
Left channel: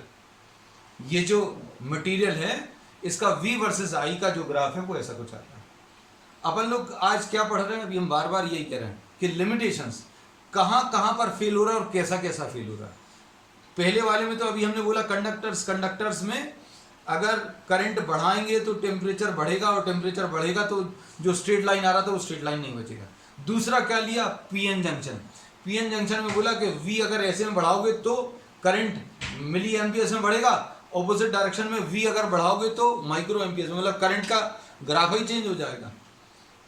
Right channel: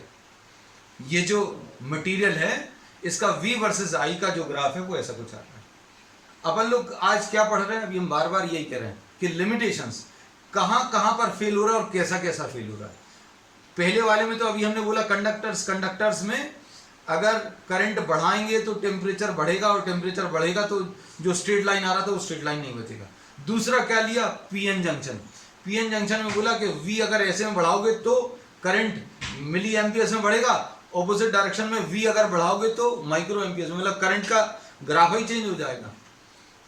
ये जो मटेरियल है इसका V वर्सेस I का जो ग्राफ है वो ऐसा कुछ आता है। अपन लोग आज क्या पढ़ रहे हैं? अभी हम बार बार यही कह रहे हैं कि लिमिटेशंस कहां कहां पर फेल हो रहा है और कैसा कैसा फेल हो रहा है। पहले वाले में तो अभी हमने बोला कंडक्टर्स में अगर करंट बढ़ाएंगे तो टेम्परेचर बढ़ेगा और टेम्परेचर बढ़ेगा तो जो स्ट्रेट लाइन आ रहा था वो स्ट्रेट लाइन नहीं बचेगा। दूसरा क्या लिया? PN junction. पीएन जंक्शन में बोला कि V अगर ऐसे में बढ़ाओगे तो करंट मिली एम्पियर्स में बढ़ेगा, ऑपोजिट डायरेक्शन में V अगर बढ़ाओगे तो माइक्रो एम्पियर्स में, मतलब करंट का ग्राफ ही चेंज हो जाएगा।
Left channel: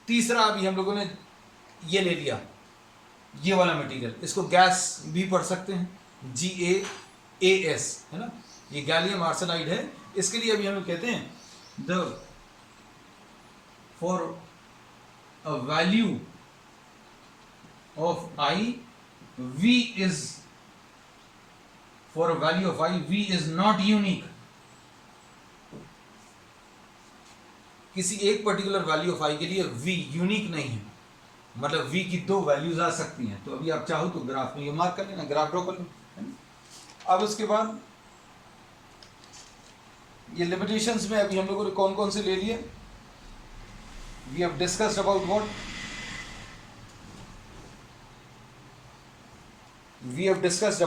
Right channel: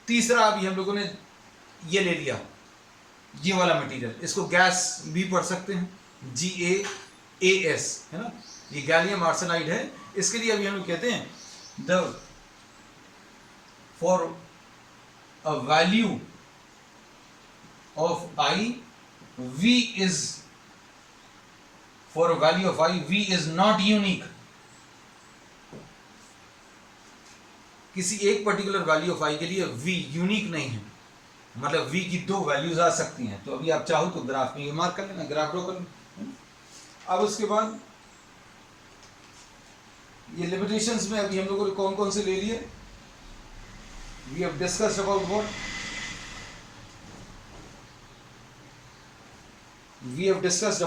तीसरा अभी हम लोगों ने ये ले लिया, ये वाला मटेरियल, इसको गैस भी पढ़ सकते हैं, GaAs है ना, ये गैलियम आर्सेनाइड है। इसके लिए अभी हम लोग कहते हैं the for a value of I, V is for a value of I, V is not unique। किसी एक पर्टिकुलर वैल्यू ऑफ I के लिए V यूनिक नहीं है, मतलब V की दो वैल्यूज आ सकती हैं। तो अभी आप चाहो तो ग्राफ में ये मार्क कर लेना, ग्राफ ड्रॉ कर लो। अब उसके बाद ये लिमिटेशंस में अभी हम लोगों ने कौन कौन से ले लिए? We have discussed about what? We have discussed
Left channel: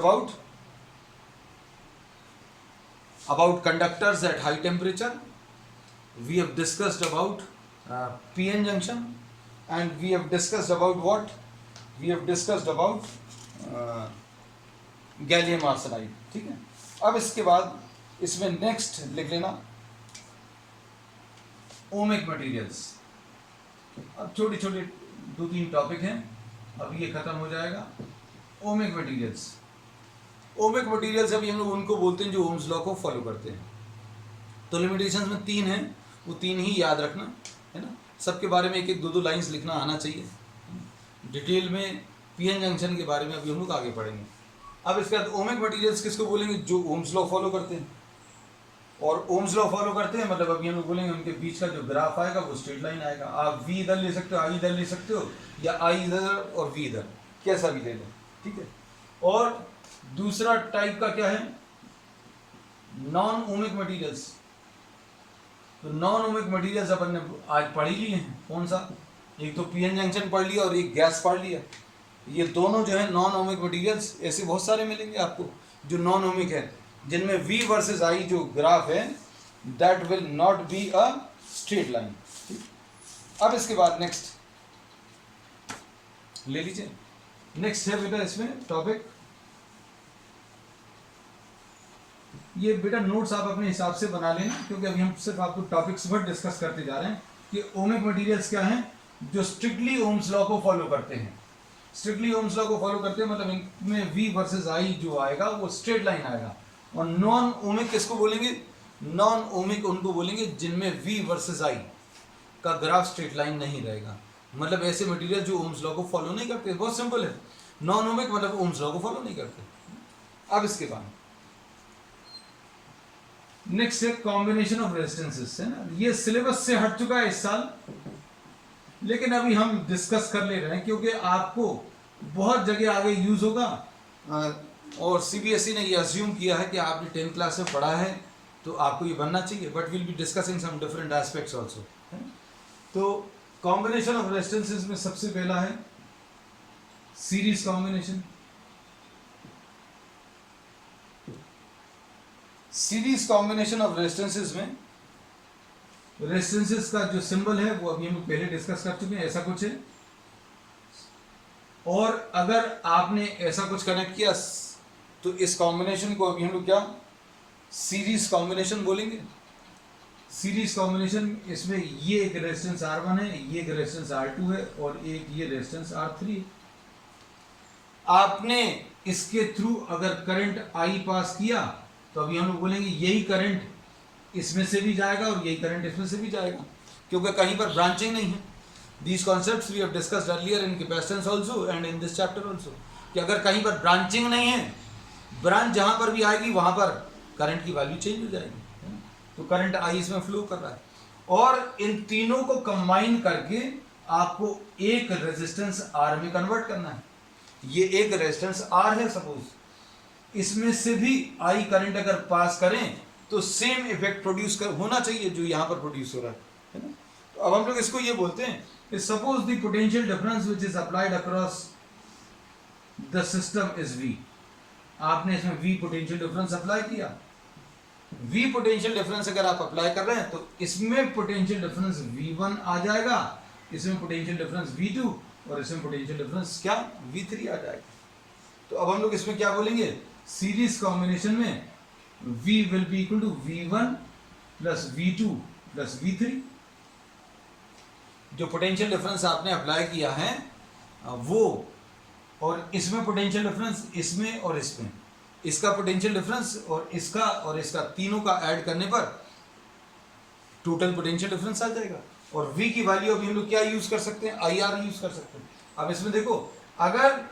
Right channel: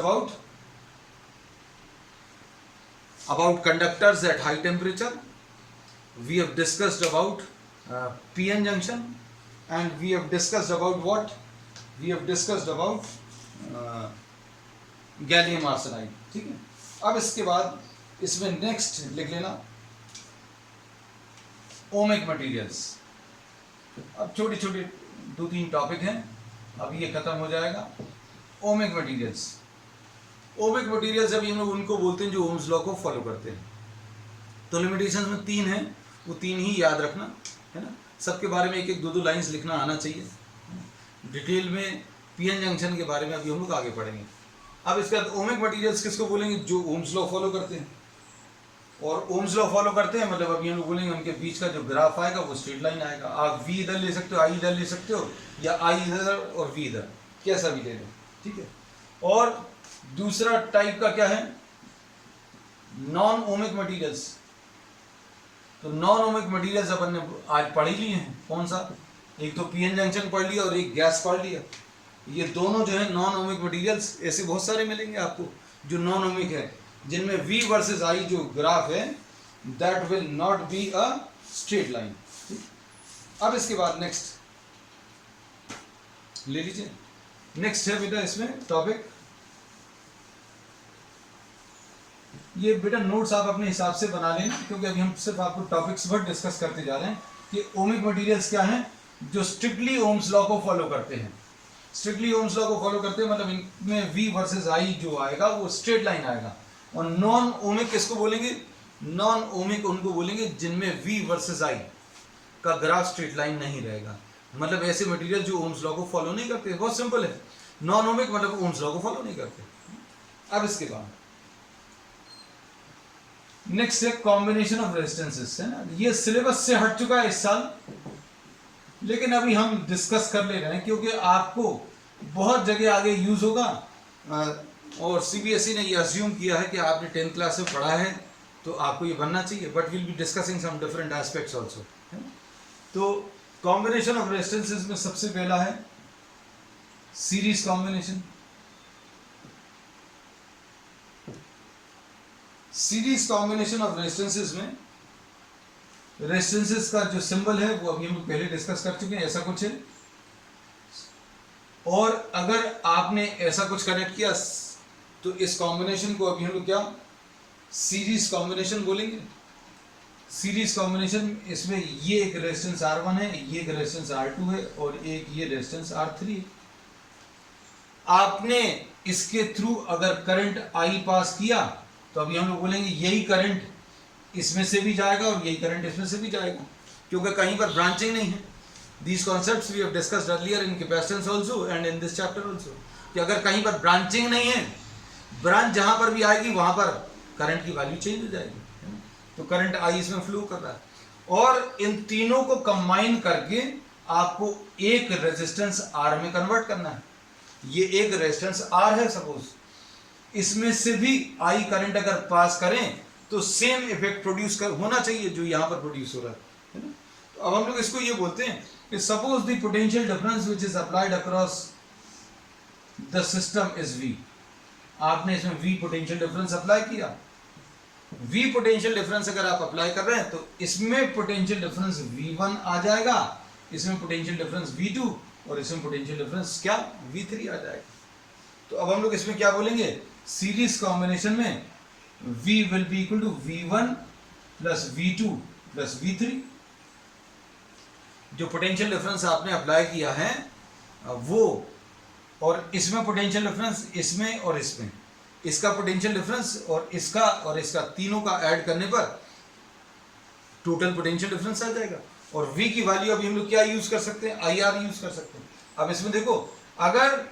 about conductors at high temperature. We have discussed about PN junction, and we have discussed about what? We have discussed about gallium arsenide. ठीक है, अब इसके बाद इसमें नेक्स्ट लिख लेना ओमिक मटेरियल्स। अब छोटे छोटे दो तीन टॉपिक हैं, अब ये खत्म हो जाएगा। ओमिक मटेरियल्स, ओमिक मटेरियल्स अभी हम लोग उनको बोलते हैं जो ओम्स लॉ को फॉलो करते हैं। तो लिमिटेशंस में तीन हैं, वो तीन ही याद रखना है ना। सबके बारे में एक एक दो दो लाइंस लिखना आना चाहिए। डिटेल में पीएन जंक्शन के बारे में अभी हम लोग आगे पढ़ेंगे। अब इसके बाद ओमिक मटेरियल्स किसको बोलेंगे? जो ओम्स लॉ फॉलो करते हैं। और ओम्स लॉ फॉलो करते हैं मतलब अभी हम लोग बोलेंगे उनके बीच का जो ग्राफ आएगा वो स्ट्रेट लाइन आएगा। आप V इधर ले सकते हो, I इधर ले सकते हो, या I इधर और V इधर, कैसा भी ले लो। ठीक है, और दूसरा टाइप का क्या है? Non ohmic materials. तो नॉन ओमिक मटेरियल्स अपन ने आज पढ़ ही लिए हैं। कौन सा? एक तो पीएन जंक्शन पढ़ लिया और एक गैस पढ़ लिया। ये दोनों जो है नॉन ओमिक मटेरियल्स, ऐसे बहुत सारे मिलेंगे आपको जो नॉन ओमिक है, जिनमें V वर्सेस I जो ग्राफ है that will not be a straight line. अब इसके बाद नेक्स्ट ले लीजिए। नेक्स्ट है बेटा इसमें टॉपिक, ये बेटा नोट्स आप अपने हिसाब से बना लेना, क्योंकि अभी हम सिर्फ आपको टॉपिक्स पर डिस्कस करते जा रहे हैं कि ओमिक मटेरियल्स क्या हैं जो स्ट्रिक्टली ओम्स लॉ को फॉलो करते हैं। स्ट्रिक्टली ओम्स लॉ को फॉलो करते हैं मतलब इनमें V वर्सेस I जो आएगा वो स्ट्रेट लाइन आएगा। और नॉन ओमिक किसको बोलेंगे? नॉन ओमिक उनको बोलेंगे जिनमें V वर्सेस I का ग्राफ स्ट्रेट लाइन नहीं रहेगा। मतलब ऐसे मटेरियल जो ओम्स लॉ को फॉलो नहीं करते। बहुत सिंपल है, नॉन ओमिक मतलब ओम्स लॉ को फॉलो नहीं करते। अब इसके बाद नेक्स्ट है कॉम्बिनेशन ऑफ रेजिस्टेंसेस, है ना। ये सिलेबस से हट चुका है इस साल, लेकिन अभी हम डिस्कस कर ले रहे हैं क्योंकि आपको बहुत जगह आगे यूज होगा। और सीबीएसई ने ये अज्यूम किया है कि आपने 10th क्लास में पढ़ा है तो आपको ये बनना चाहिए, but will be discussing some different aspects also. तो कॉम्बिनेशन ऑफ रेजिस्टेंसेस में सबसे पहला है series combination. Series combination of resistances में रेजिस्टेंसेस का जो सिंबल है वो अभी हम पहले डिस्कस कर चुके हैं, ऐसा कुछ है। और अगर आपने ऐसा कुछ कनेक्ट किया तो इस कॉम्बिनेशन को अभी हम लोग क्या सीरीज कॉम्बिनेशन बोलेंगे। सीरीज कॉम्बिनेशन, इसमें ये एक रेजिस्टेंस R1 है, ये एक रेजिस्टेंस R2 है और एक ये रेजिस्टेंस R3 है। आपने इसके थ्रू अगर करंट I पास किया तो अभी हम लोग बोलेंगे यही करंट इसमें से भी जाएगा और यही करंट इसमें से भी जाएगा, क्योंकि कहीं पर ब्रांचिंग नहीं है। These concepts we have discussed earlier in capacitance also and in this chapter also, कि अगर कहीं पर ब्रांचिंग नहीं है, ब्रांच जहां पर भी आएगी वहां पर करंट की वैल्यू चेंज हो जाएगी, है ना। तो करंट I इसमें फ्लो कर रहा है और इन तीनों को कंबाइन करके आपको एक रेजिस्टेंस R में कन्वर्ट करना है। ये एक रेजिस्टेंस R है सपोज, इसमें से भी I करंट अगर पास करें तो सेम इफेक्ट प्रोड्यूस होना चाहिए जो यहां पर प्रोड्यूस हो रहा है ना। तो अब हम लोग इसको ये बोलते हैं कि suppose the potential difference which is applied across the system is V। आपने इसमें V पोटेंशियल डिफरेंस अप्लाई किया। V पोटेंशियल डिफरेंस अगर आप अप्लाई कर रहे हैं तो इसमें पोटेंशियल डिफरेंस V1 आ जाएगा, इसमें पोटेंशियल डिफरेंस V2 और इसमें पोटेंशियल डिफरेंस क्या V3 आ जाएगा। तो अब हम लोग इसमें क्या बोलेंगे, सीरीज कॉम्बिनेशन में V will be equal to V1 plus V2 plus V3। जो पोटेंशियल डिफरेंस आपने अप्लाई किया है वो, और इसमें पोटेंशियल डिफरेंस इसमें और इसमें, इसका पोटेंशियल डिफरेंस और इसका तीनों का ऐड करने पर टोटल पोटेंशियल डिफरेंस आ जाएगा। और V की वैल्यू अभी हम लोग क्या यूज कर सकते हैं, IR यूज कर सकते हैं। अब इसमें देखो, अगर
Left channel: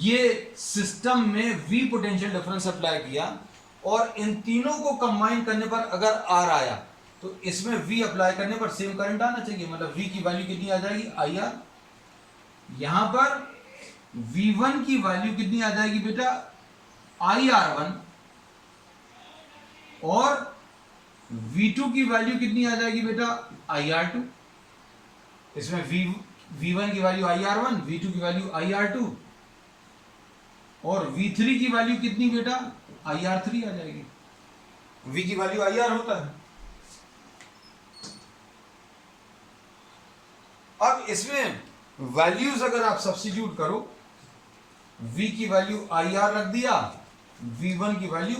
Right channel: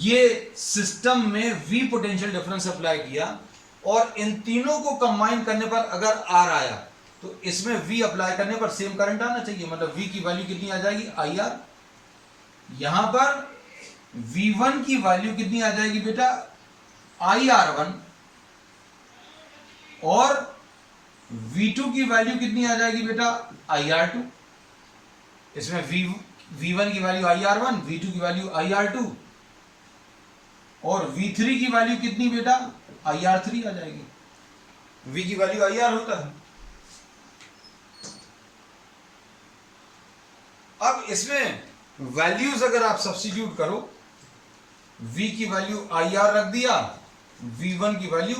ये सिस्टम में V पोटेंशियल डिफरेंस अप्लाई किया और इन तीनों को कंबाइन करने पर अगर R आया तो इसमें V अप्लाई करने पर सेम करंट आना चाहिए, मतलब V की वैल्यू कितनी आ जाएगी, IR। यहां पर V1 की वैल्यू कितनी आ जाएगी बेटा, IR1, और V2 की वैल्यू कितनी आ जाएगी बेटा, IR2। इसमें V1 की वैल्यू IR1, V2 की वैल्यू IR2 और V3 की वैल्यू कितनी बेटा, IR3 आ जाएगी। V की वैल्यू IR होता है। अब इसमें वैल्यूज अगर आप सब्स्टिट्यूट करो, V की वैल्यू IR रख दिया, V1 की वैल्यू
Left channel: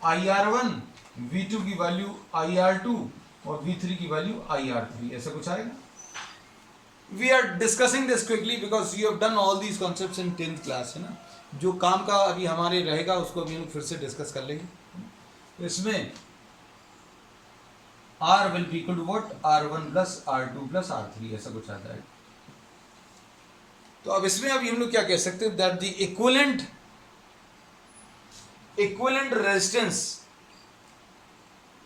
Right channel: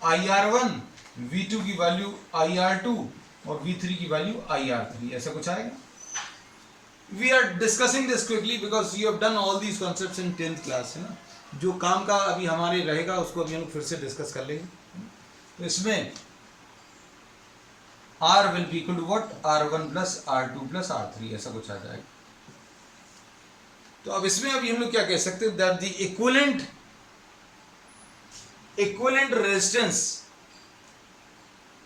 IR1, V2 की वैल्यू IR2 और V3 की वैल्यू IR3, ऐसा कुछ आएगा। We are discussing this quickly because you have done all these concepts in 10th class, है ना। जो काम का अभी हमारे रहेगा उसको अभी हम फिर से डिस्कस कर लेंगे। तो इसमें R will be equal to what, R1 plus R2 plus R3, ऐसा कुछ आ जाएगा। तो अब इसमें अभी हम लोग क्या कह सकते हैं, that the equivalent resistance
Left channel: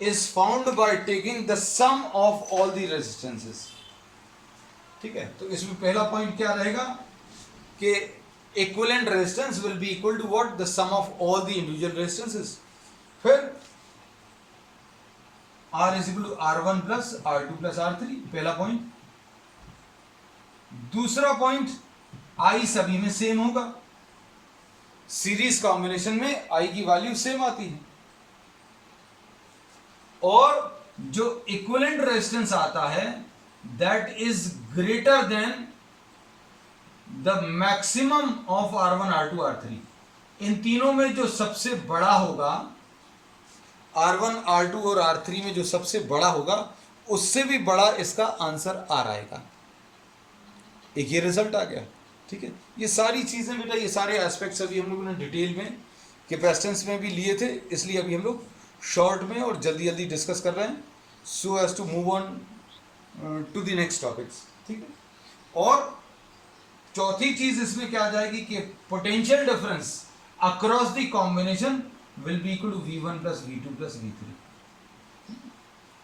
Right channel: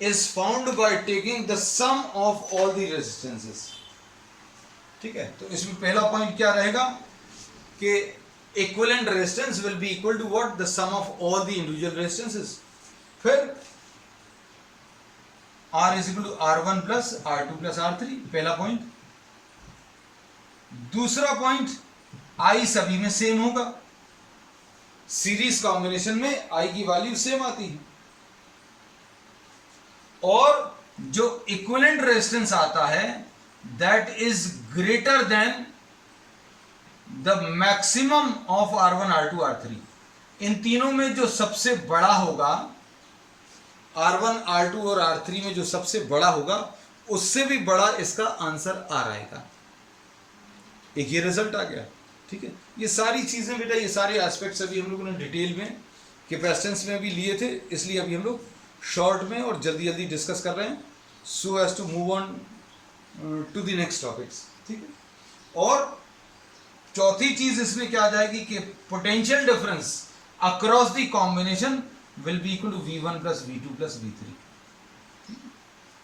is found by taking the sum of all the resistances. ठीक है, तो इसमें पहला पॉइंट क्या रहेगा कि equivalent resistance will be equal to what, the sum of all the individual resistances. फिर R is equal to R1 plus R2 plus R3, पहला पॉइंट। दूसरा पॉइंट, I सभी में सेम होगा। सीरीज कॉम्बिनेशन में I की वैल्यू सेम आती है, और जो इक्विवेलेंट रेजिस्टेंस आता है that is greater than the maximum of R1 R2 R3। इन तीनों में जो सबसे बड़ा होगा, R1 R2 और R3 में जो सबसे बड़ा होगा, उससे भी बड़ा इसका आंसर R आएगा। एक ये रिजल्ट आ गया। ठीक है, ये सारी चीजें बेटा, ये सारे एस्पेक्ट्स अभी हम लोगों ने डिटेल में कैपेसिटेंस में भी लिए थे, इसलिए अभी हम लोग शॉर्ट में और जल्दी जल्दी डिस्कस कर रहे हैं, so as to move on to the next topics. ठीक है, और चौथी चीज इसमें क्या आ जाएगी कि potential difference across the combination will be equal to V1 plus V2 plus V3।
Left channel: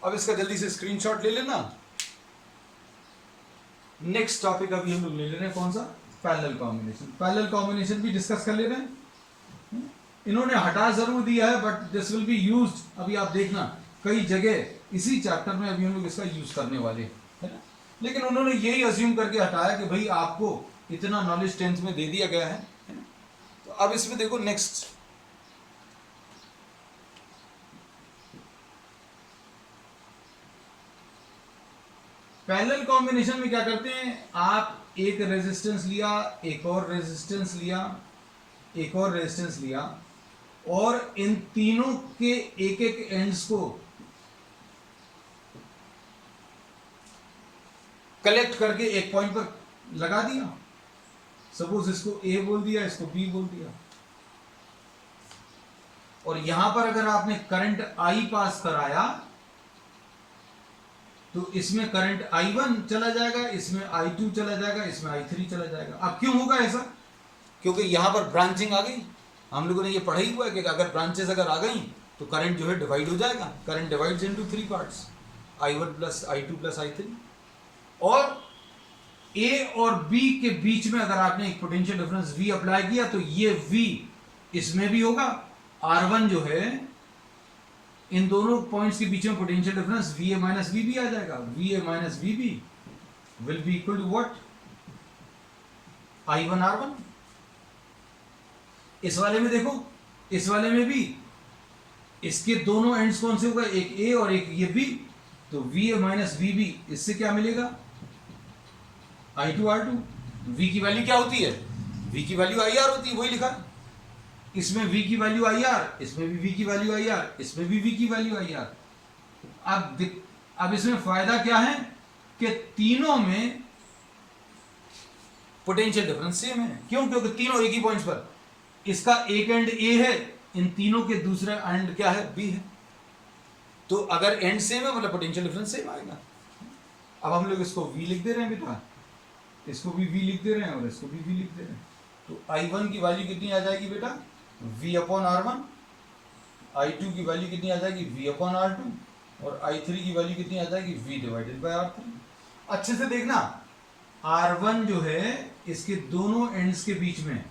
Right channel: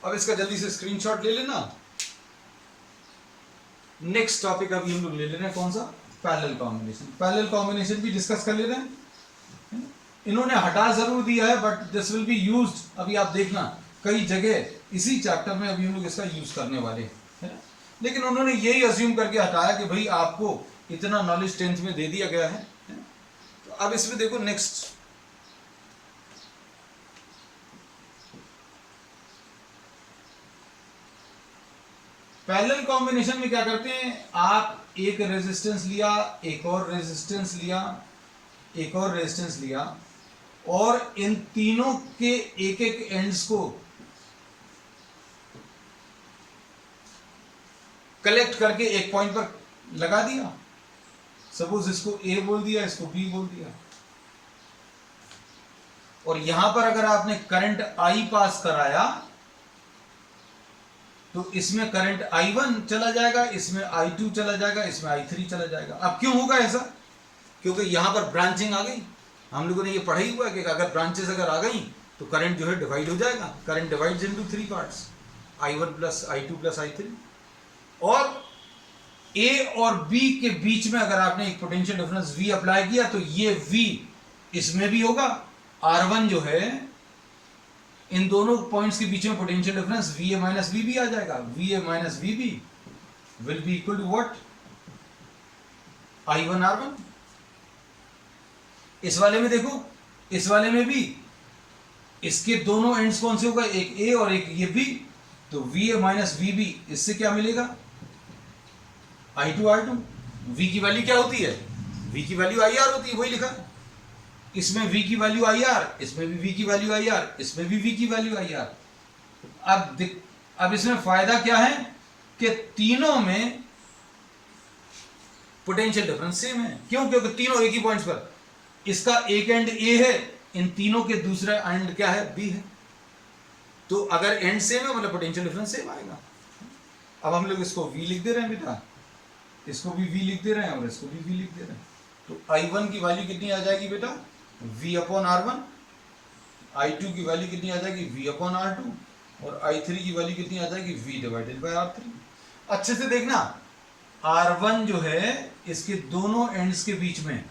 अब इसका जल्दी से स्क्रीनशॉट ले लेना। नेक्स्ट टॉपिक अभी हम लोग ले ले रहे हैं, कौन सा, पैरेलल कॉम्बिनेशन। पैरेलल कॉम्बिनेशन भी डिस्कस कर ले रहे हैं। इन्होंने हटा जरूर दिया है but this will be used, अभी आप देखना कई जगह इसी चैप्टर में अभी हम लोग इसका यूज करने वाले हैं, लेकिन उन्होंने यही अज्यूम करके हटाया कि भाई आपको इतना नॉलेज 10th में दे दिया गया है। तो अब इसमें देखो नेक्स्ट, पैरेलल कॉम्बिनेशन में क्या करते हैं, आप एक रेजिस्टेंस लिया, एक और रेजिस्टेंस लिया, एक और रेजिस्टेंस लिया, और इन तीनों के एक एक एंड्स को कलेक्ट करके एक पॉइंट पर लगा दिया। सपोज इसको ए बोल दिया, इसको बी बोल दिया, और यहां पर अगर आपने करंट आई पास कराया तो इसमें करंट I1 चला जाएगा, इसमें I2 चला जाएगा, इसमें I3 चला जाएगा। अब क्यों होगा ऐसा? क्योंकि यहां पर ब्रांचिंग आ गई। हम लोगों ने ये पढ़ा ही हुआ है कि अगर ब्रांचेस अगर आ गई तो करंट जो है डिवाइड हो जाएगा। Current divides into 3 parts, I1 plus I2 plus I3। और A और B के बीच में अगर आपने एक पोटेंशियल डिफरेंस V अप्लाई किया तो ये V इसमें भी होगा। R1 जो है इन दोनों पॉइंट्स के बीच में potential difference VA minus VB आ जाएगा। VA minus VB will be equal to what? I1 R1। इस वाले में देखो, इस वाले में भी इसके दोनों एंड्स कौन से होगा? एक A और एक ये B। तो VA माइनस VB, इससे क्या मिलेगा? I2 R2। V की वैल्यू क्या होती है? V की वैल्यू IR होती है, वही लिखा है। इसमें V की वैल्यू IR, इसमें भी V की वैल्यू IR, इसमें भी V की वैल्यू IR। अब इसमें फायदा क्या है कि तीनों में पोटेंशियल डिफरेंस सेम है। क्यों? क्योंकि तीनों एक ही पॉइंट्स पर, इसका एक एंड A है, इन तीनों के दूसरा एंड क्या है? B है। तो अगर एंड सेम है मतलब पोटेंशियल डिफरेंस सेम आएगा। अब हम लोग इसको V लिख दे रहे हैं बेटा, इसको भी V लिख दे रहे हैं और इसको भी V लिख दे रहे हैं। तो I1 की वैल्यू कितनी आ जाएगी बेटा? V upon R1। I2 की वैल्यू कितनी आ जाएगी? V upon R2। और I3 की वैल्यू कितनी आ जाएगी? V divided by R3। अच्छे से देखना, R1 जो है इसके दोनों एंड्स के बीच में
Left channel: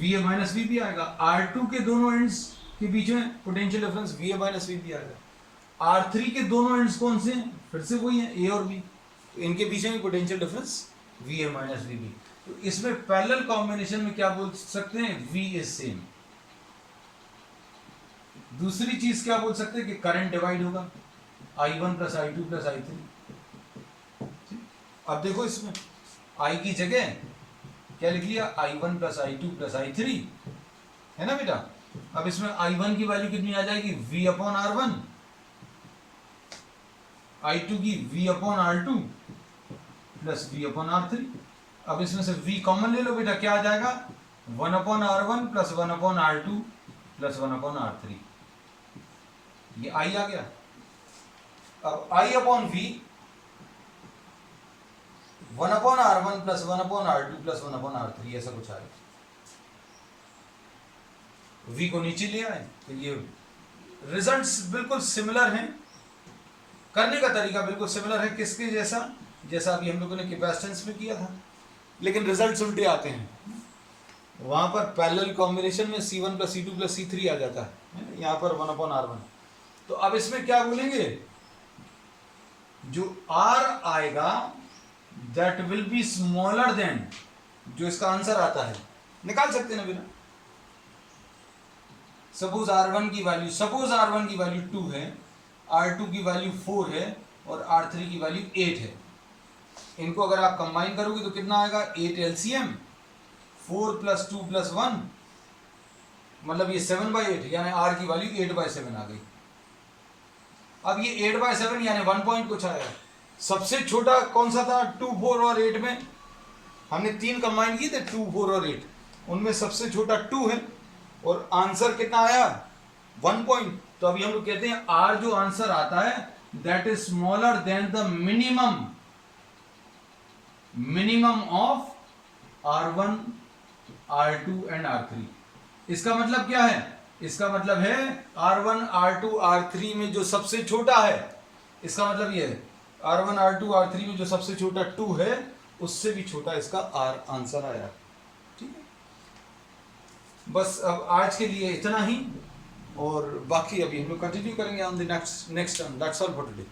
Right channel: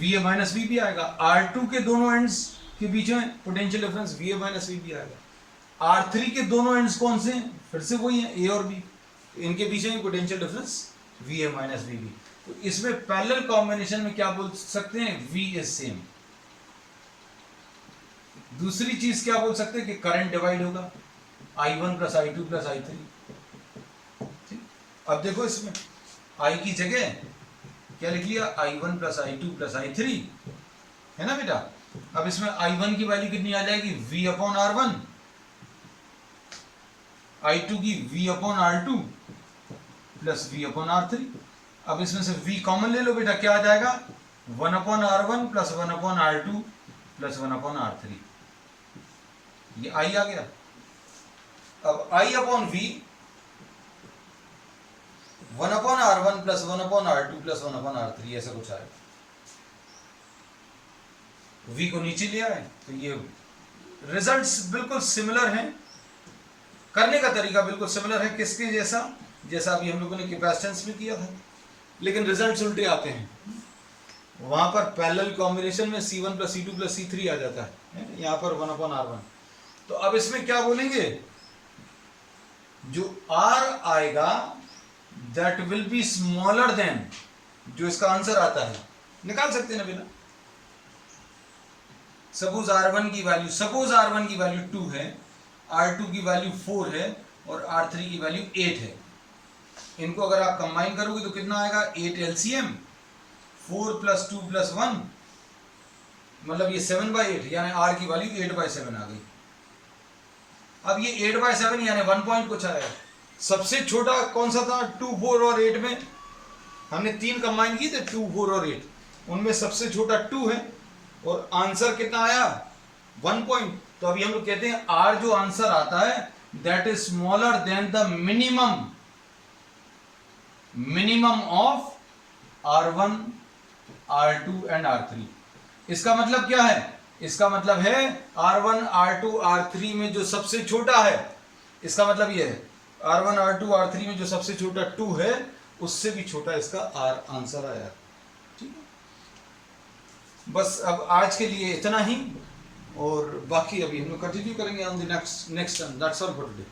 VA माइनस VB आएगा। R2 के दोनों एंड्स के बीच में potential difference VA minus VB आएगा। R3 के दोनों एंड्स कौन से हैं? फिर से वही है, A और B। तो इनके बीच में potential difference VA minus VB। तो इसमें पैरेलल कॉम्बिनेशन में क्या बोल सकते हैं? V is same. दूसरी चीज क्या बोल सकते हैं कि करंट डिवाइड होगा, I1 plus I2 plus I3। अब देखो इसमें I की जगह क्या लिख लिया? I1 plus I2 plus I3 है ना बेटा। अब इसमें I1 की वैल्यू कितनी आ जाएगी? V upon R1। I2 की V upon R2 plus V upon R3। अब इसमें से V कॉमन ले लो बेटा, क्या आ जाएगा? 1 upon R1 plus 1 upon R2 plus 1 upon R3। ये I आ गया। अब I upon V 1 upon R1 plus 1 upon R2 plus 1 upon R3, ऐसा कुछ आएगा। V को नीचे ले आए तो ये रिजल्ट्स बिल्कुल सिमिलर हैं, करने का तरीका बिल्कुल सिमिलर है। किसके जैसा? जैसा अभी हम लोगों ने कैपेसिटेंस में किया था, लेकिन रिजल्ट्स उल्टे आते हैं। वहां पर पैरेलल कॉम्बिनेशन में C1 plus C2 plus C3 आ जाता है, यहां पर 1 अपॉन R1। तो अब इसमें क्या बोलेंगे? जो R आएगा that will be smaller than जो इसका आंसर आता है। निकाल सकते हैं ना बिना। सपोज R1 की वैल्यू 2 है, R2 की वैल्यू 4 है और R3 की वैल्यू 8 है। इनको अगर आप कंबाइन करोगे तो कितना आएगा? 8 LCM, 4 प्लस 2 प्लस 1 मतलब ये 7/8, यानी R की वैल्यू 8/7 आ गई। अब ये 8/7 यानी 1 पॉइंट कुछ आया। सबसे छोटा कौन सा था? 2, 4 और 8 में हमने 3 कंबाइन किए थे, 2, 4 और 8। उनमें सबसे छोटा 2 है और आंसर कितना आया? 1 पॉइंट। तो अभी हम लोग कहते हैं R जो आंसर आता है that is smaller than the minimum of R1, R2 and R3। इसका मतलब क्या है? इसका मतलब है R1, R2, R3 में जो सबसे छोटा है, इसका मतलब ये है R1, R2, R3 में जो सबसे छोटा 2 है उससे भी छोटा इसका R आंसर आया। ठीक है, बस अब आज के लिए इतना ही, और बाकी अभी हम लोग कंटिन्यू करेंगे on the next that's all for today.